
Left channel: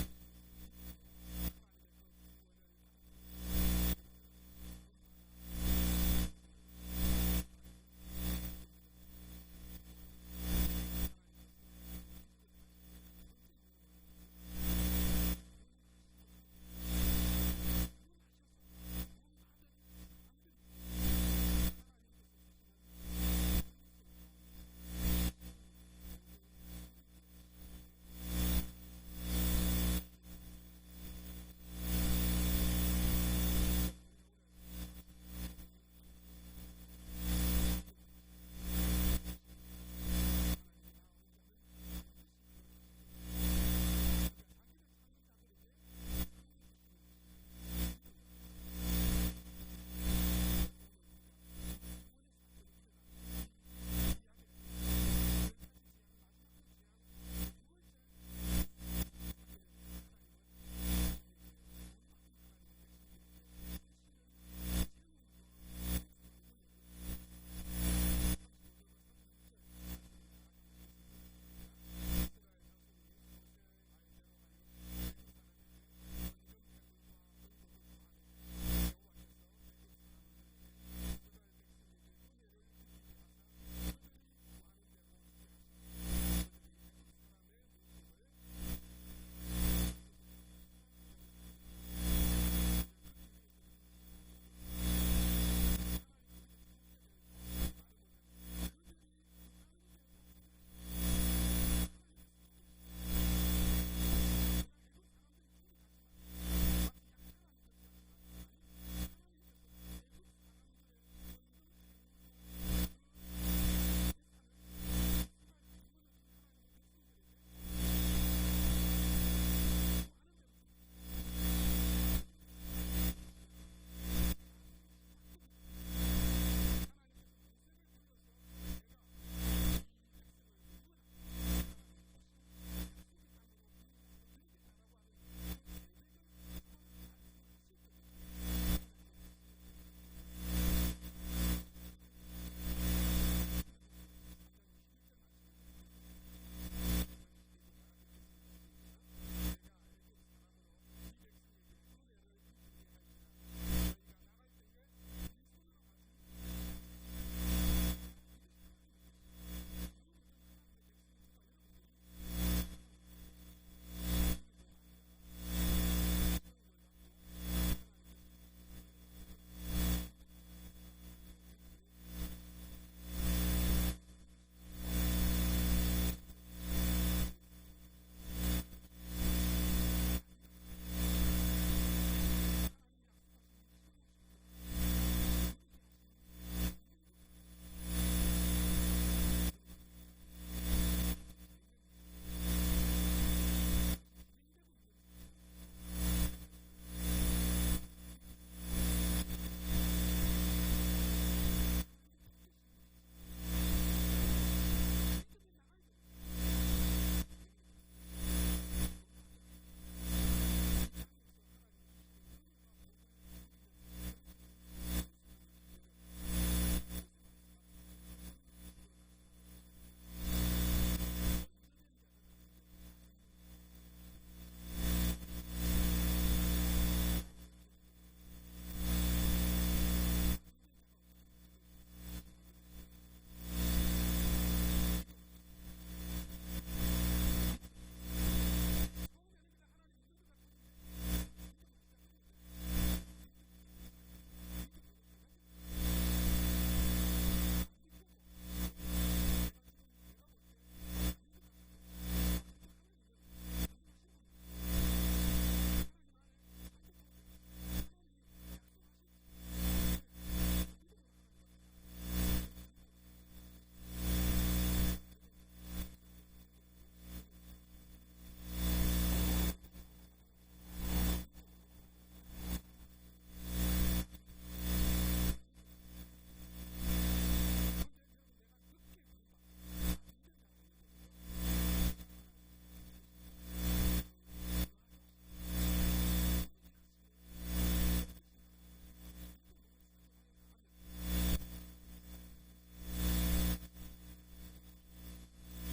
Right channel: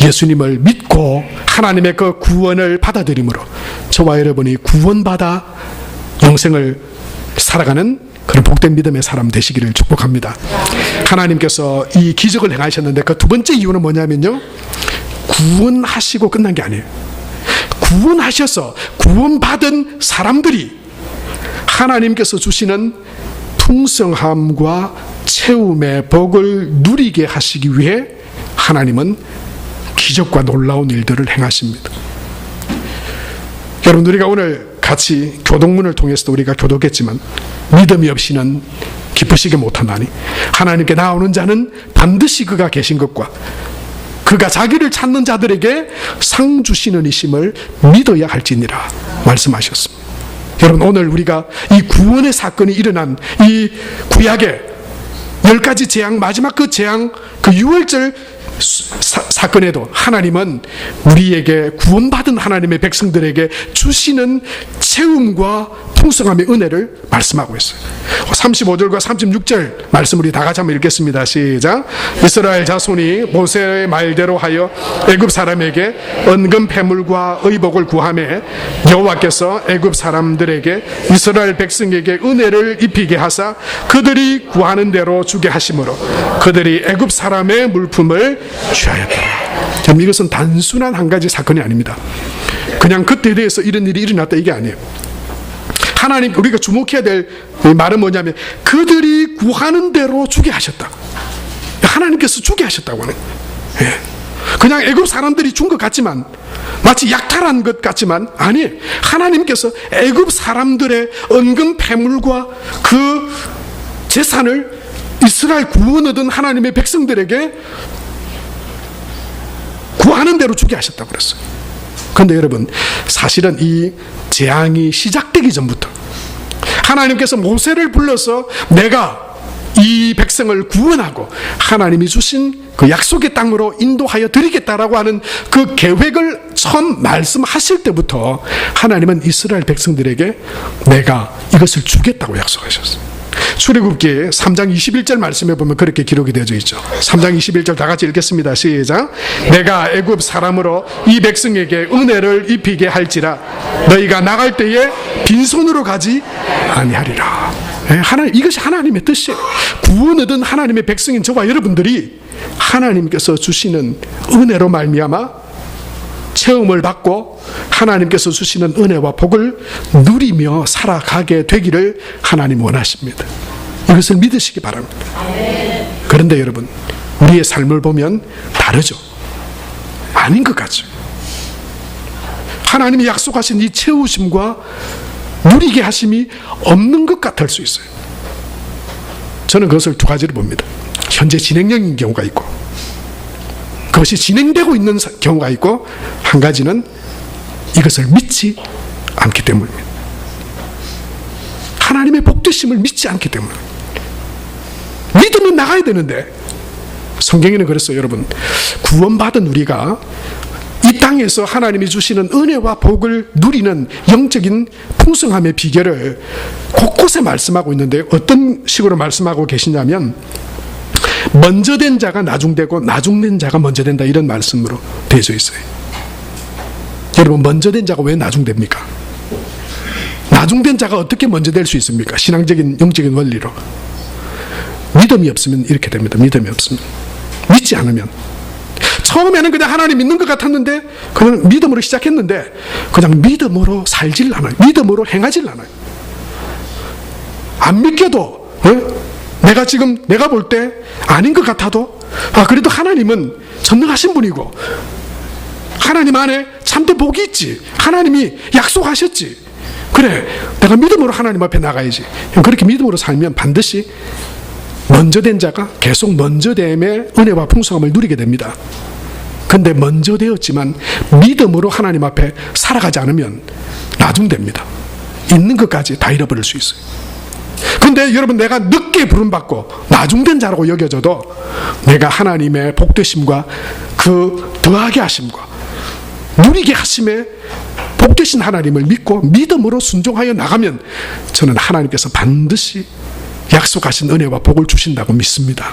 예수님을 믿고 하나님의 그 구원을 받아들임으로 저와 여러분이 구원받아 영생을 살아가는 그런 복된 믿음의 사람 되시기를 축복합니다. 하나님께서 이 기적을 행하셨는데 그 두 번째 이유는 뭐냐면요, 구원하시고 끝난 게 아니에요. 구원하셔서 구원받은 사람들이 하나님께서 주시는 풍성함과 채움의 복을 누리게 하시기 위해 하나님은 기적과 놀라운 일들을 행하십니다. 여러분, 우리가 오늘 같이 교동문을 통해서도 우리가 교독했지만 믿음이 없이는 기쁘시게 못하나니 하나님께 나오는 자는 반드시 그가 계신 것과 그가 자기를 찾는 자들에게 상 주시는 이심을 믿어야 할지니라 말씀하셨습니다. 여러분, 오늘 우리가 이 구원의 사건이 일어난 이 구약의 10가지 재앙, 마지막 그 재앙, 그 유월절 사건에도 하나님은 우리에게, 구원받은 하나님의 백성들에게 주시는 채움과 풍성함의 은혜를 말씀하고 있어요. 35절과 36절 말씀 우리 다 같이 한번 읽겠습니다. 시작. 이스라엘 자손이 모세의 말대로 하여 애굽 사람에게 은금 패물과 의복을 구하매 여호와께서 애굽 사람들에게 이스라엘 백성에게 은혜를 입히게 하사 그들이 구하는 대로 주게 하심으로 그들이 애굽 사람의 물품을 취하였더라. 참, 이것은 단순한 한 가지 사건이 아닙니다. 그냥 그때에 대해서 이런 일이 일어났다, 이게 아니에요. 하나님, 우리가 주목해야 될 말은 뭐냐면 그들이 구하는 대로 주게 하셨다. 하나님께서 주게 하셨다고 하는 거예요. 그냥 애굽 사람들이 준 것 같지만, 마치 약탈한 것 같지만 아니에요. 하나님께서 애굽 사람들의 은금 패물과 그 재산을 이스라엘 구원 얻은 하나님의 백성들에게 구하는 대로 주게 하셨다고 그랬어요. 그런데 여러분, 사실은 이 재앙이 시작되기 전부터 하나님께서 모세를 불러서 내가 이 백성을 구원하고 하나님이 주신 그 약속의 땅으로 인도하여 드리겠다라고 하는 그 계획을 처음 말씀하실 때부터 하나님은 이스라엘 백성들에게 내가 이것을 주겠다고 약속하셨어요. 출애굽기 3장 21절 말씀에 보면 그렇게 기록이 되어져 있죠. 3장 21절 다 같이 읽겠습니다. 시작. 내가 애굽 사람으로 이 백성에게 은혜를 입히게 할지라 너희가 나갈 때에 빈손으로 가지 아니하리라. 하나님, 이것이 하나님의 뜻이에요. 구원 얻은 하나님의 백성인 저와 여러분들이 하나님께서 주시는 은혜로 말미암아 체험을 받고 하나님께서 주시는 은혜와 복을 누리며 살아가게 되기를 하나님 원하십니다. 이것을 믿으시기 바랍니다. 그런데 여러분, 우리의 삶을 보면 다르죠. 아닌 것 같죠. 하나님이 약속하신 이 채우심과 누리게 하심이 없는 것 같을 수 있어요. 저는 그것을 두 가지로 봅니다. 현재 진행형인 경우가 있고 그것이 진행되고 있는 경우가 있고, 한 가지는 이것을 믿지 않기 때문입니다. 하나님의 복되심을 믿지 않기 때문입니다. 믿으면 나가야 되는데, 성경에는 그랬어요. 여러분, 구원받은 우리가 이 땅에서 하나님이 주시는 은혜와 복을 누리는 영적인 풍성함의 비결을 곳곳에 말씀하고 있는데, 어떤 식으로 말씀하고 계시냐면 먼저 된 자가 나중되고 나중된 자가 먼저 된다, 이런 말씀으로 되어져 있어요. 여러분, 먼저 된 자가 왜 나중됩니까? 나중된 자가 어떻게 먼저 될 수 있습니까? 신앙적인 영적인 원리로 믿음이 없으면 이렇게 됩니다. 믿음이 없으면, 믿지 않으면, 처음에는 그냥 하나님 믿는 것 같았는데 그냥 믿음으로 시작했는데 그냥 믿음으로 살질 않아요. 믿음으로 행하질 않아요. 안 믿겨도 내가 볼 때 아닌 것 같아도 그래도 하나님은 전능하신 분이고 하나님 안에 참된 복이 있지, 하나님이 약속하셨지, 그래 내가 믿음으로 하나님 앞에 나가야지. 그렇게 믿음으로 살면 반드시 먼저 된 자가 계속 먼저 됨의 은혜와 풍성함을 누리게 됩니다. 근데 먼저 되었지만 믿음으로 하나님 앞에 살아가지 않으면 나중됩니다. 있는 것까지 다 잃어버릴 수 있어요. 근데 여러분, 내가 늦게 부름받고 나중된 자라고 여겨져도 내가 하나님의 복되심과 그 더하게 하심과 누리게 하심에 복되신 하나님을 믿고 믿음으로 순종하여 나가면 저는 하나님께서 반드시 약속하신 은혜와 복을 주신다고 믿습니다.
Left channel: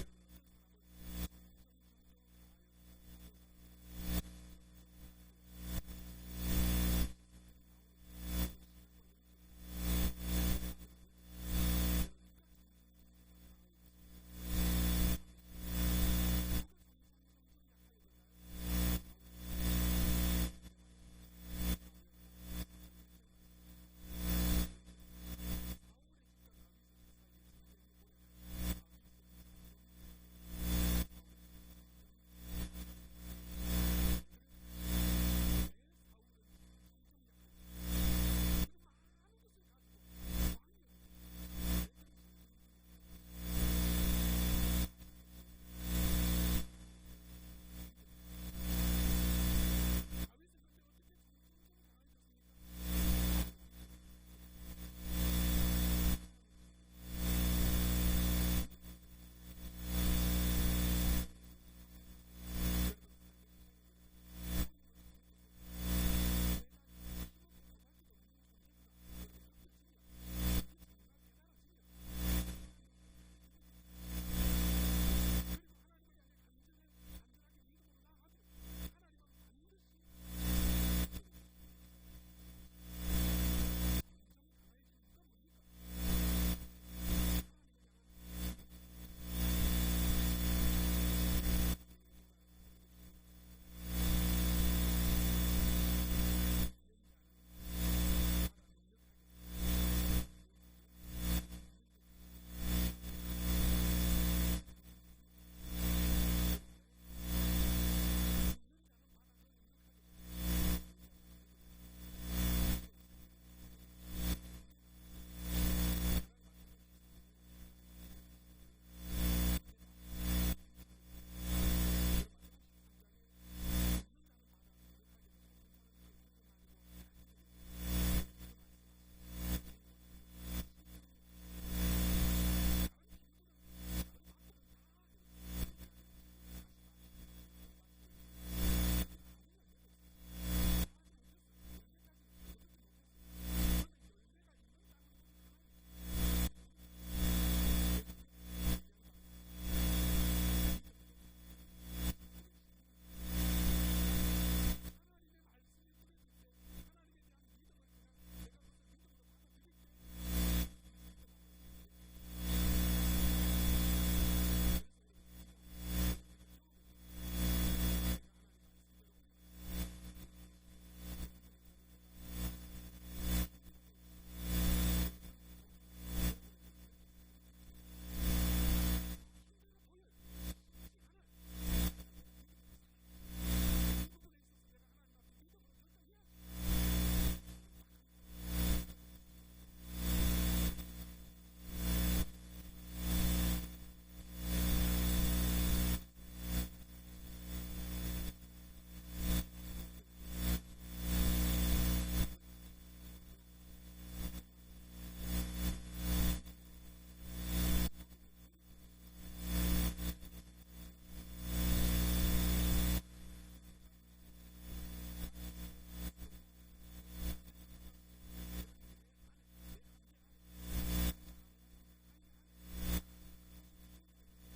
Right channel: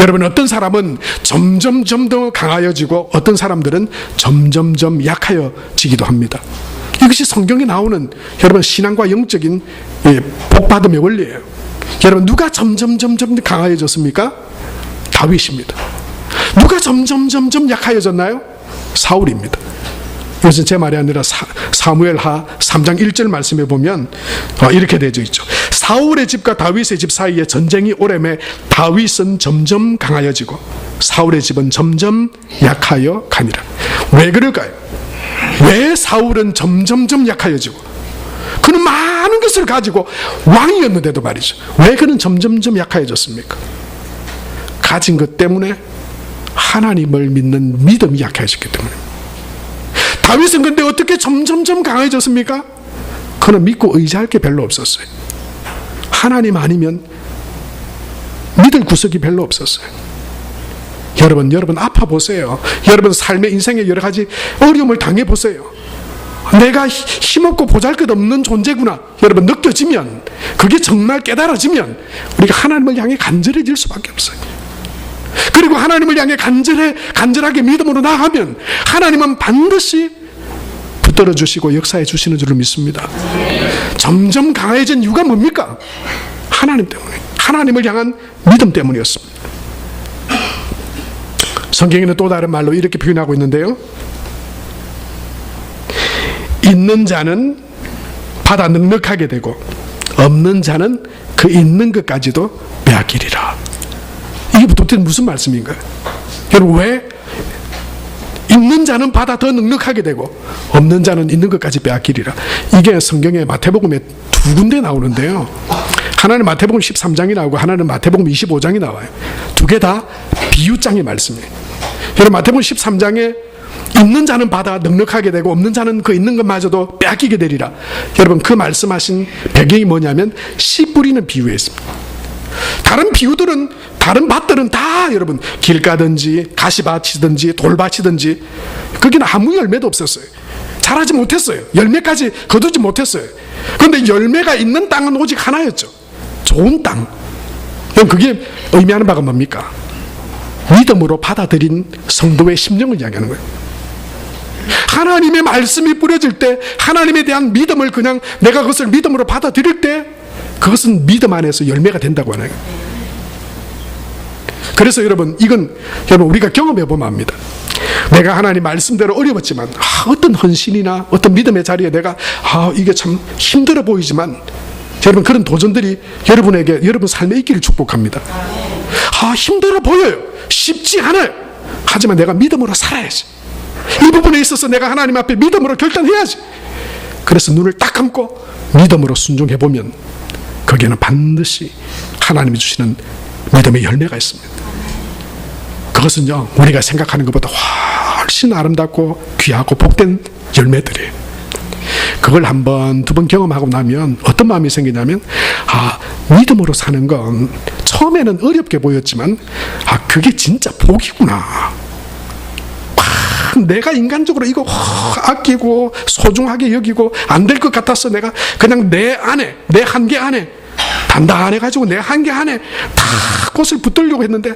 여러분, 어떤 사람은 점점점 더 강하여지고 어떤 사람들은 점점점 약하여지기도 합니다. 이것이 성경에 나오는 여러분 신앙과 영적인 복받음의 원리예요. 여러분, 누가 점점점점 강하여졌습니까? 다윗입니다. 누가 점점점점 약하여졌나요? 사울입니다. 이것은 제 말이 아니라 사무엘하 3장 1절 말씀에 보면 이렇게 되어 있죠. 사울의 집과 다윗의 집 사이에 전쟁이 오래매 다윗은 점점 강하여지고 사울의 집은 점점 약하여 가니라. 왜 그럴까요? 왜 사울은 점점점 약하여지고, 그는 많은 것을 가지고 왕이었는데도 말이죠, 왜 그는 점점점 약하여졌습니까? 가진 것 때문에 하나님을 믿는 믿음이 약해졌기 때문입니다. 다윗은 근데 어떻게 점점점 강해졌습니까? 그는 믿고 의지할 게 별로 없었어요. 하나님 아니면 믿을 구석이 별로 없었어요. 여러분 아파보세요. 여러분 삶의 인생에 여러 가지 어려움을 당해보세요. 내가 힘없고 보잘것없는 존재구나 여러분 느껴지면, 그게 정말 깨달아지면 우리가 하나님을 향해 간절해질 수밖에 없어요. 그리고 하나님을 향해 간절하게 믿음으로 나아가면 하나님은 반드시 붙들어 주시고 역사해 주시는 줄을 믿습니다. 점점 강해진 이유가 뭡니까? 하나님 때문에, 하나님을 향한 믿음 때문이었습니다. 성경에는 또 다른 말로 이렇게 표현하고 있는데요, 있는 자는 받아 넉넉하게 되고 없는 자는 그 있는 것까지도 빼앗기리라. 이게 도대체 무슨 말씀인가요? 여러분, 왜 있는 자는 받아 더 넉넉하게 되고 없는 자는 있는 것까지 빼앗기리라? 이게 성경의 마태복음에 두 군데 나오는데요, 하나는 마태복음 13장이 나오고 하나는 마태복음 25장이 나와요. 두 개 다 비유장의 말씀이에요. 여러분 마태복음 13장에 있는 자는 받아 넉넉하게 되고 없는 자는 그 있는 것마저도 빼앗기게 되리라. 여러분 그 말씀하신 배경이 뭐냐면 씨 뿌리는 비유에 있습니다. 다른 비유들은 다른 밭들은 다 여러분 길가든지 가시밭이든지 돌밭이든지 거기는 아무 열매도 없었어요. 자라지 못했어요. 열매까지 거두지 못했어요. 그런데 열매가 있는 땅은 오직 하나였죠. 좋은 땅. 그게 의미하는 바가 뭡니까? 믿음으로 받아들인 성도의 심령을 이야기하는 거예요. 하나님의 말씀이 뿌려질 때 하나님에 대한 믿음을 그냥 내가 그것을 믿음으로 받아들일 때 그것은 믿음 안에서 열매가 된다고 하는 거예요. 그래서 여러분 이건 여러분 우리가 경험해 보면 압니다. 내가 하나님 말씀대로 어려웠지만 어떤 헌신이나 어떤 믿음의 자리에 내가 이게 참 힘들어 보이지만 여러분 그런 도전들이 여러분에게 여러분 삶에 있기를 축복합니다. 힘들어 보여요. 쉽지 않아요. 하지만 내가 믿음으로 살아야지. 이 부분에 있어서 내가 하나님 앞에 믿음으로 결단해야지. 그래서 눈을 딱 감고 믿음으로 순종해 보면 거기에는 반드시 하나님이 주시는 믿음의 열매가 있습니다. 그것은요 우리가 생각하는 것보다 훨씬 아름답고 귀하고 복된 열매들이에요. 그걸 한 번, 두 번 경험하고 나면 어떤 마음이 생기냐면 믿음으로 사는 건 처음에는 어렵게 보였지만 그게 진짜 복이구나. 내가 인간적으로 이거 아끼고 소중하게 여기고 안 될 것 같아서 내가 그냥 내 안에 내 한계 안에 단단해가지고 내 한계 안에 다 꽃을 붙들려고 했는데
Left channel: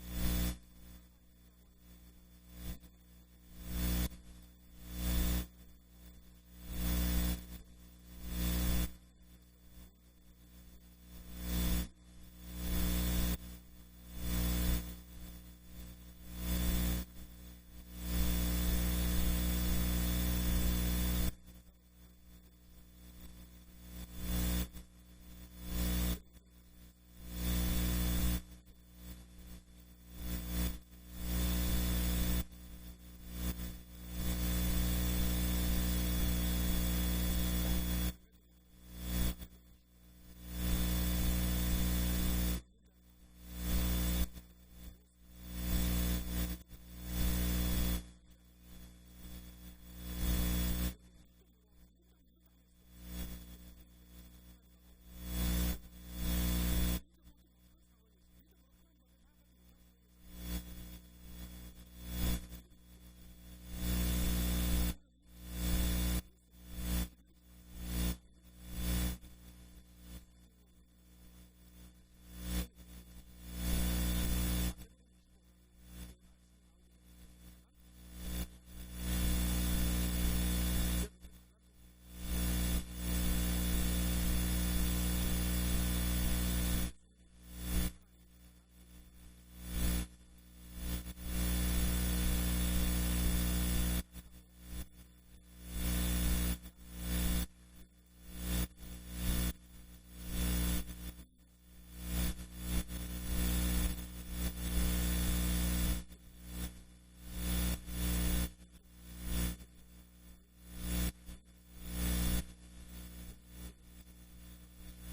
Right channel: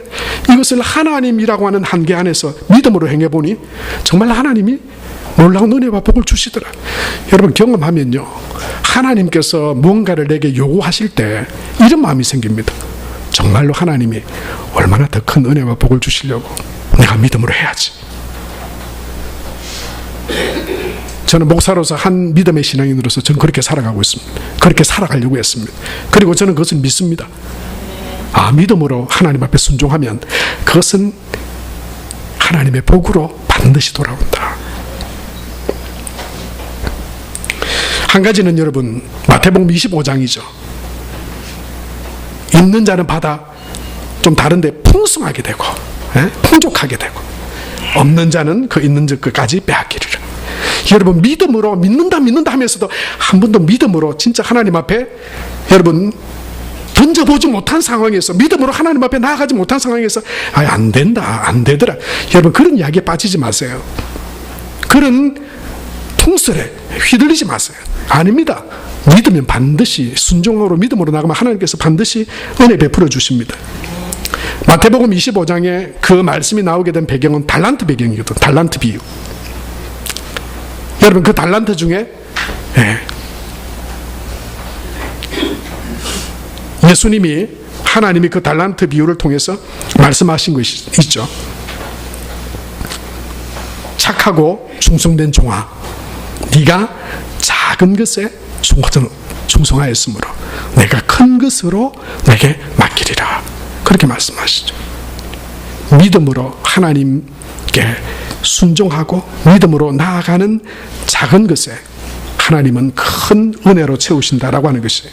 이것을 하나님이라고 하는 한계 안에서 믿음으로 행해보니 정말 하나님이 놀라운 은혜와 복을 주시더라. 여러분 경험하면요 하나님께서 무언가를 내게 요구하실 때 이런 마음이 생깁니다. 정말로 하나님이 얼마나 더 큰 은혜와 복을 주시려고 내가 믿음으로 해야지. 저는 목사로서 한 믿음의 신앙인으로서 저는 그렇게 살아가고 있습니다. 그렇게 살아가려고 했습니다. 그리고 저는 그것을 믿습니다. 믿음으로 하나님 앞에 순종하면 그것은 하나님의 복으로 반드시 돌아온다. 한 가지는 여러분 마태복음 25장이죠. 있는 자는 받아 좀 다른데 풍성하게 되고 풍족하게 되고 없는 자는 그 있는 것까지 빼앗기리라. 여러분 믿음으로 믿는다 하면서도 한 번도 믿음으로 진짜 하나님 앞에 여러분 던져보지 못한 상황에서 믿음으로 하나님 앞에 나아가지 못한 상황에서 안 된다 안 되더라 여러분 그런 이야기에 빠지지 마세요. 그런 통설에 휘둘리지 마세요. 아닙니다. 믿으면 반드시 순종으로 믿음으로 나가면 하나님께서 반드시 은혜 베풀어 주십니다. 마태복음 25장에 그 말씀이 나오게 된 배경은 달란트 배경이거든. 달란트 비유. 여러분 그 달란트 중에 예수님이 하나님이 그 달란트 비유를 통해서 말씀하신 것이 있죠. 착하고 충성된 종아, 네가 작은 것에 충성하였으므로 내가 큰 것으로 내게 맡기리라. 그렇게 말씀하시죠. 믿음으로 하나님께 순종하고 믿음으로 나아가는 작은 것에 하나님은 큰 은혜로 채우신다라고 하는 것이에요.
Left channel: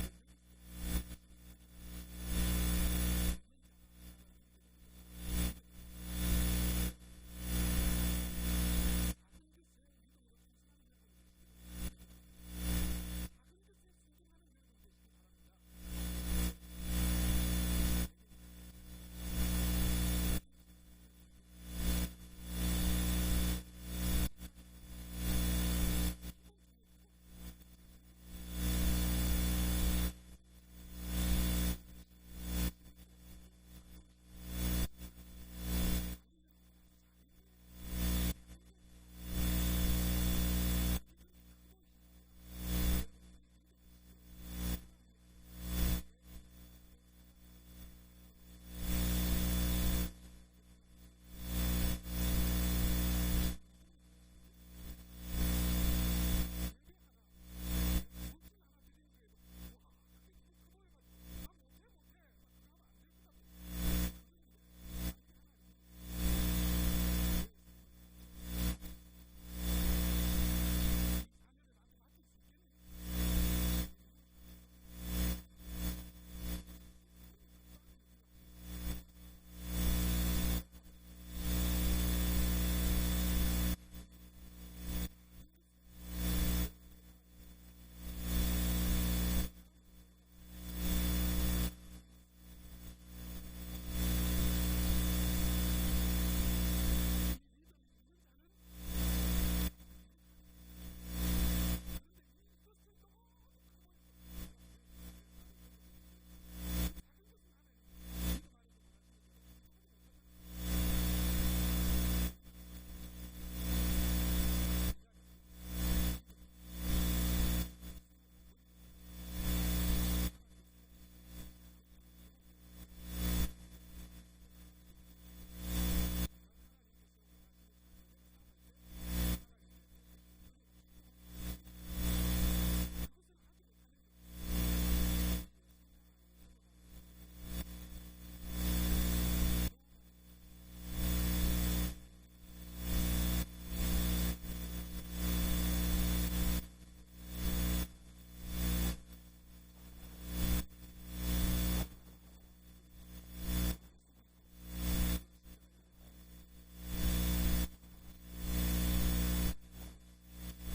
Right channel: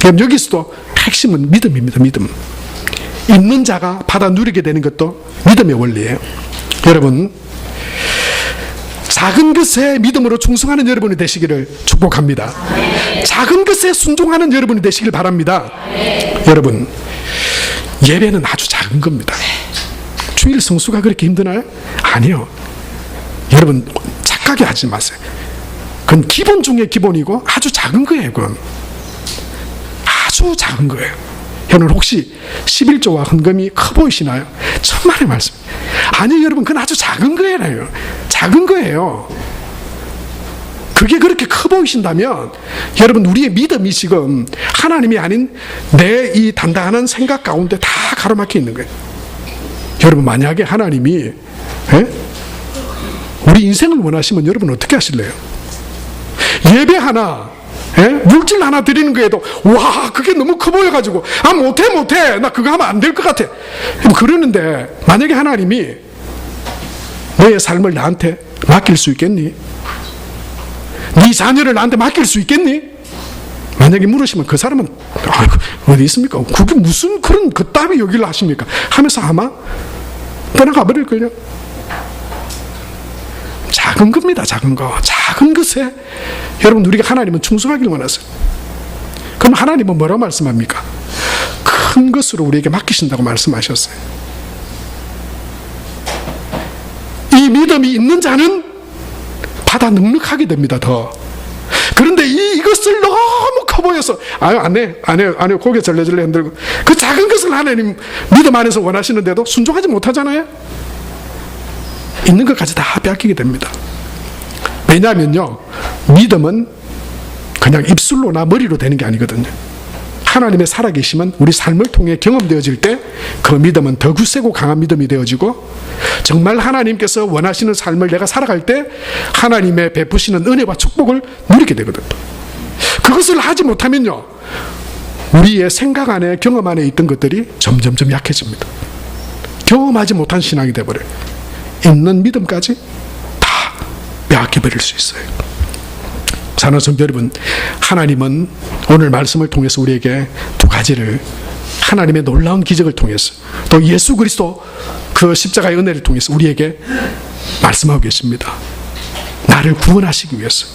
그럼 여기서도 핵심은 믿음입니다. 믿음. 있는 자가 받아 누리게 되는 것도 믿음의 원리예요. 여러분 작은 것에 믿음으로 충성하는 여러분이 되시기를 축복합니다. 작은 것에 순종하는 여러분이 되시길 바랍니다. 여러분 예배는 아주 작은 겁니다. 주일 성수가 그렇게 힘드나요? 아니요. 여러분 착하게 하지 마세요. 그건 기본 중에 기본이고 아주 작은 거예요. 그건 아주 작은 거예요. 여러분 혹시 11조와 헌금이 커 보이시나요? 천만의 말씀. 아니 여러분 그건 아주 작은 거예요. 작은 거예요. 그게 그렇게 커 보이신다면 여러분 우리의 믿음이 지금 하나님이 아닌 내 이 단단한 생각 가운데 다 가로막혀 있는 거예요. 여러분 만약에 하나님이 우리 인생을 원하시면 여러분 어떻게 하실래요? 예배 하나 물질 하나 드리는 거에도 와 그게 너무 커 보여가지고 못해 나 그거 하면 안 될 것 같아 그러는데 만약에 하나님이 너의 삶을 나한테 맡길 수 있겠니? 네 자녀를 나한테 맡길 수 있겠니? 만약에 물으시면 그 사람은 아이고, 어디 있습니까? 그게 무슨 그런 그따위 여기를 하십니까? 하면서 아마 떠나가 버릴걸요. 작은 겁니다. 작은 거. 작은 것에 여러분 우리가 하나님은 충성하기를 원하세요. 그럼 하나님은 뭐라고 말씀합니까? 큰 것으로 우리에게 맡기신다고 말씀하셨어요. 이 믿음이 있는 자는 받아 넉넉하게 됩니다. 더. 그런데 이것을 너무 커 보여서 안 해, 고개 절레절레 흔들고 그 작은 것을 하나님 믿음 안에서 원하시는데도 순종하지 못하잖아요. 있는 것까지 다 빼앗기게 됩니다. 왜냐하면요, 믿음은 그냥 입술로나 머리로 되는 게 아니거든요. 하나님의 살아계심은 우리 삶을 통해 경험되어질 때 그 믿음은 더 굳세고 강한 믿음이 되어지고, 정말 하나님께서 원하시는 삶을 내가 살아갈 때 하나님의 베푸시는 은혜와 축복을 누리게 되거든요. 그것을 하지 못하면요, 우리의 생각 안에 경험 안에 있던 것들이 점점점 약해집니다. 경험하지 못한 신앙이 되어버려요. 있는 믿음까지 다 빼앗겨버릴 수 있어요. 사랑하는 성도 여러분, 하나님은 오늘 말씀을 통해서 우리에게 두 가지를, 하나님의 놀라운 기적을 통해서 또 예수 그리스도 그 십자가의 은혜를 통해서 우리에게 말씀하고 계십니다. 나를 구원하시기 위해서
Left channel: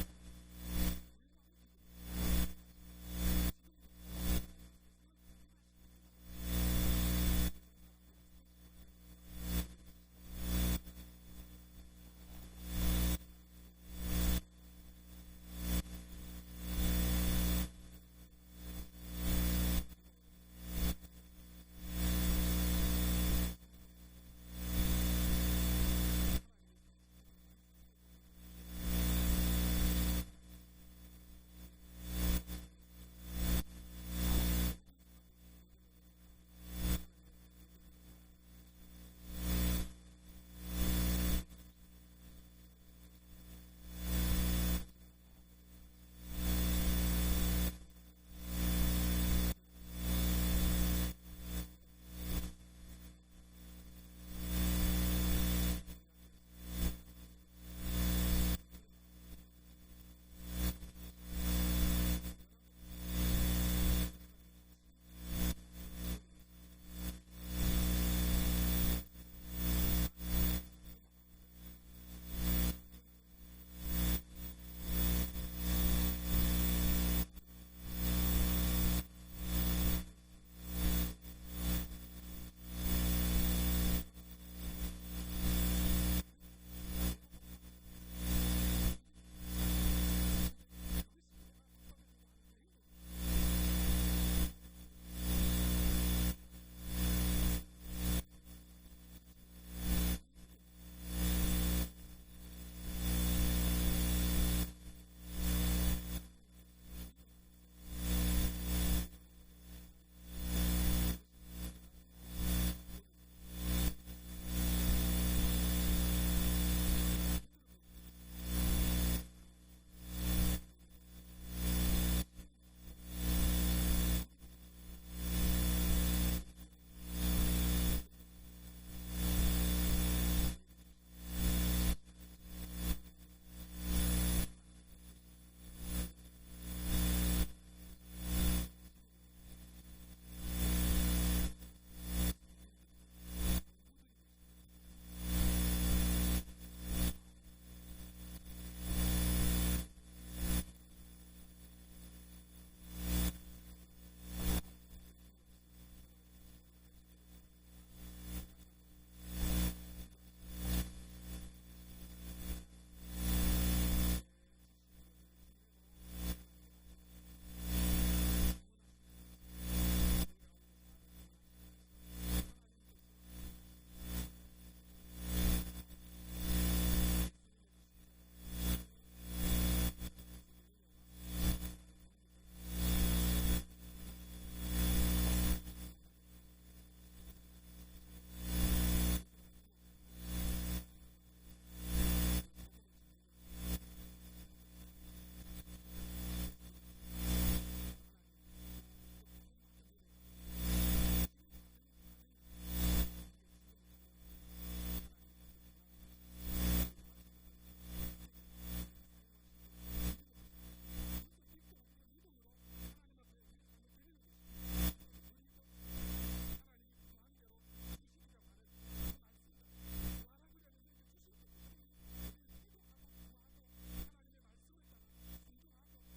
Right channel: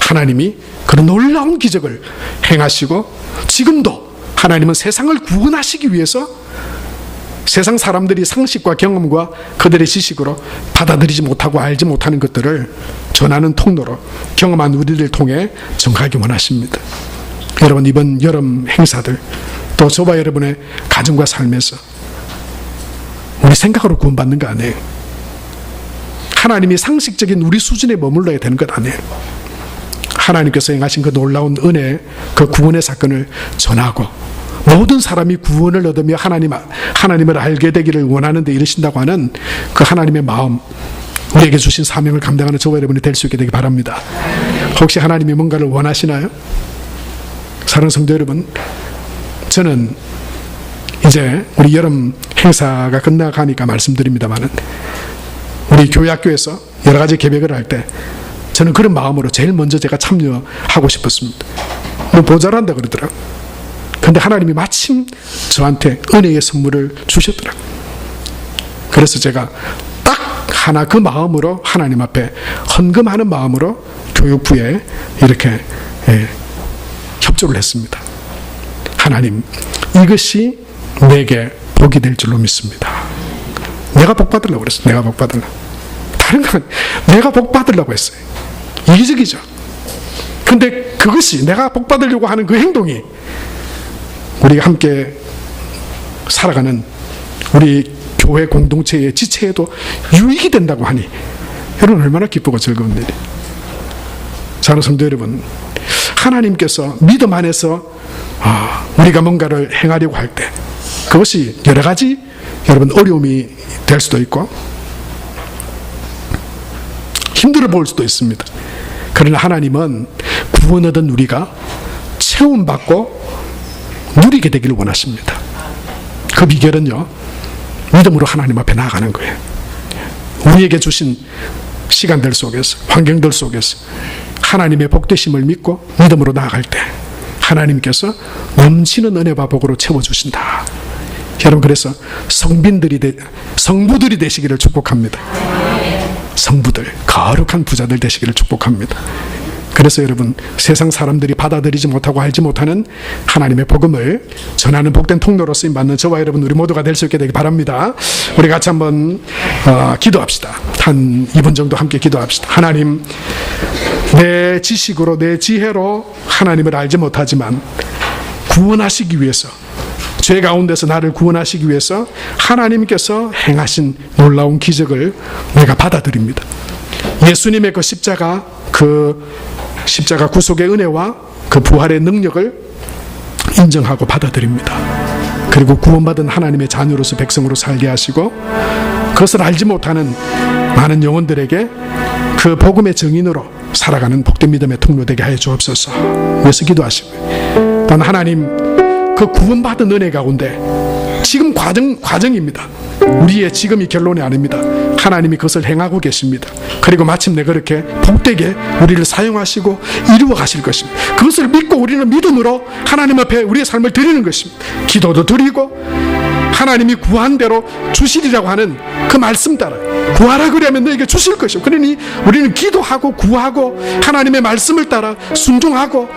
하나님이 그런 놀라운 기적을 행하시고, 지금도 하나님은 세상을 구원하시기 위해서 세상 사람들이 상식과 경험과 그들의 지식으로 받아들이지 못하고 알지 못하는 것들을 전하는 통로로 경험한 우리를 통해 전하기 원하십니다. 여러분, 이번 여름 행사들, 또 저와 여러분의 가정과 삶에서 우리 생각으로 구원받는 거 아니에요. 하나님이 상식적인 우리 수준에 머물러야 되는 것 아니에요. 하나님께서 행하신 그 놀라운 은혜, 그 구원의 사건을 전하고 모든 사람이 구원을 얻으며 하나님을 알게 되기를 원하는 데 이르신다고 하는 그 하나님의 마음, 우리에게 주신 사명을 감당하는 저와 여러분이 될 수 있게 되기 바랍니다. 혹시 하나님이 뭔가를 원하시나요? 사랑하는 성도 여러분, 저는 이제 우리 여름 행사가 끝나가니까 말씀드립니다만은, 우리 교회학교에서 여러 가지 계획을 할 때 저는 그런 마음으로 제일 먼저 제가 참여하고 싶었습니다. 뭐 모자란다 그러더라고요. 근데 하나님이 마침 저한테 은혜의 선물을 주셨더라고요. 그래서 제가 딱 하나 그 마음으로 하나님 앞에 헌금하는 마음으로 교육부에 이렇게 협조를 했습니다. 하나님, 이것이 내게 복이 될 줄로 믿습니다. 내가 복 받으려고 그랬어요. 내가 복 받으려고. 다른 건 내가 복 받으려고 했어요. 이기적이죠. 근데 그것이 내가 복 받으려고 하는 그 행동이 우리가 함께 살아가는 우리 교회 공동체의 지체에도 유익이 된다고 하니 여러분 얼마나 기쁘고 즐거운 일이에요. 사랑하는 성도 여러분, 하나님께서 믿음 안에서 우리가 뭔가를 행하려고 할 때 그것이 여러 가지 여러분 어려움이 될 수도 있고 힘들어 보일 수도 있습니다. 그러나 하나님은 구원 얻은 우리가 체험받고 누리게 되기를 원하십니다. 그 비결은요, 믿음으로 하나님 앞에 나아가는 거예요. 우리에게 주신 시간들 속에서, 환경들 속에서 하나님의 복되심을 믿고 믿음으로 나아갈 때 하나님께서 넘치는 은혜와 복으로 채워주신다. 여러분, 그래서 성부들이 되시기를 축복합니다. 성부들, 거룩한 부자들 되시기를 축복합니다. 그래서 여러분, 세상 사람들이 받아들이지 못하고 알지 못하는 하나님의 복음을 전하는 복된 통로로 쓰임받는 저와 여러분 우리 모두가 될 수 있게 되기 바랍니다. 우리 같이 한번 기도합시다. 한 2분 정도 함께 기도합시다. 하나님, 내 지식으로 내 지혜로 하나님을 알지 못하지만 구원하시기 위해서, 죄 가운데서 나를 구원하시기 위해서 하나님께서 행하신 놀라운 기적을 내가 받아들입니다. 예수님의 그 십자가 구속의 은혜와 그 부활의 능력을 인정하고 받아들입니다. 그리고 구원받은 하나님의 자녀로서 백성으로 살게 하시고 그것을 알지 못하는 많은 영혼들에게 그 복음의 증인으로 살아가는 복된 믿음의 통로 되게 하여 주옵소서. 그래서 기도하시고, 또한 하나님, 그 구원받은 은혜 가운데 지금 과정입니다. 우리의 지금이 결론이 아닙니다. 하나님이 그것을 행하고 계십니다. 그리고 마침내 그렇게 복되게 우리를 사용하시고 이루어 가실 것입니다. 그것을 믿고 우리는 믿음으로 하나님 앞에 우리의 삶을 드리는 것입니다. 기도도 드리고 하나님이 구한 대로 주시리라고 하는 그 말씀 따라 구하라 그러면 너에게 주실 것이고, 그러니 우리는 기도하고 구하고 하나님의 말씀을 따라 순종하고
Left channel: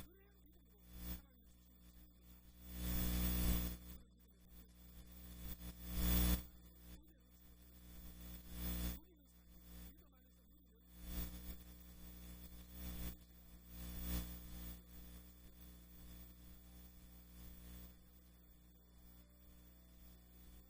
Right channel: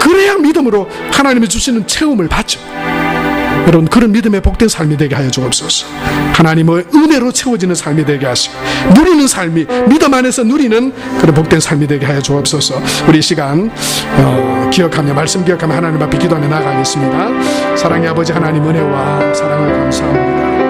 그래야 믿음으로 하나님이 주시는 체험을 받죠. 여러분, 그런 믿음의 복된 삶이 되게 하여 주옵소서. 하나님의 은혜로 채워지는 삶이 되게 하시고 누리는 삶이, 믿음 안에서 누리는 그런 복된 삶이 되게 하여 주옵소서. 우리 이 시간 기억하며, 말씀 기억하며 하나님 앞에 기도하며 나아가겠습니다. 사랑의 아버지 하나님, 은혜와 사랑을 감사합니다.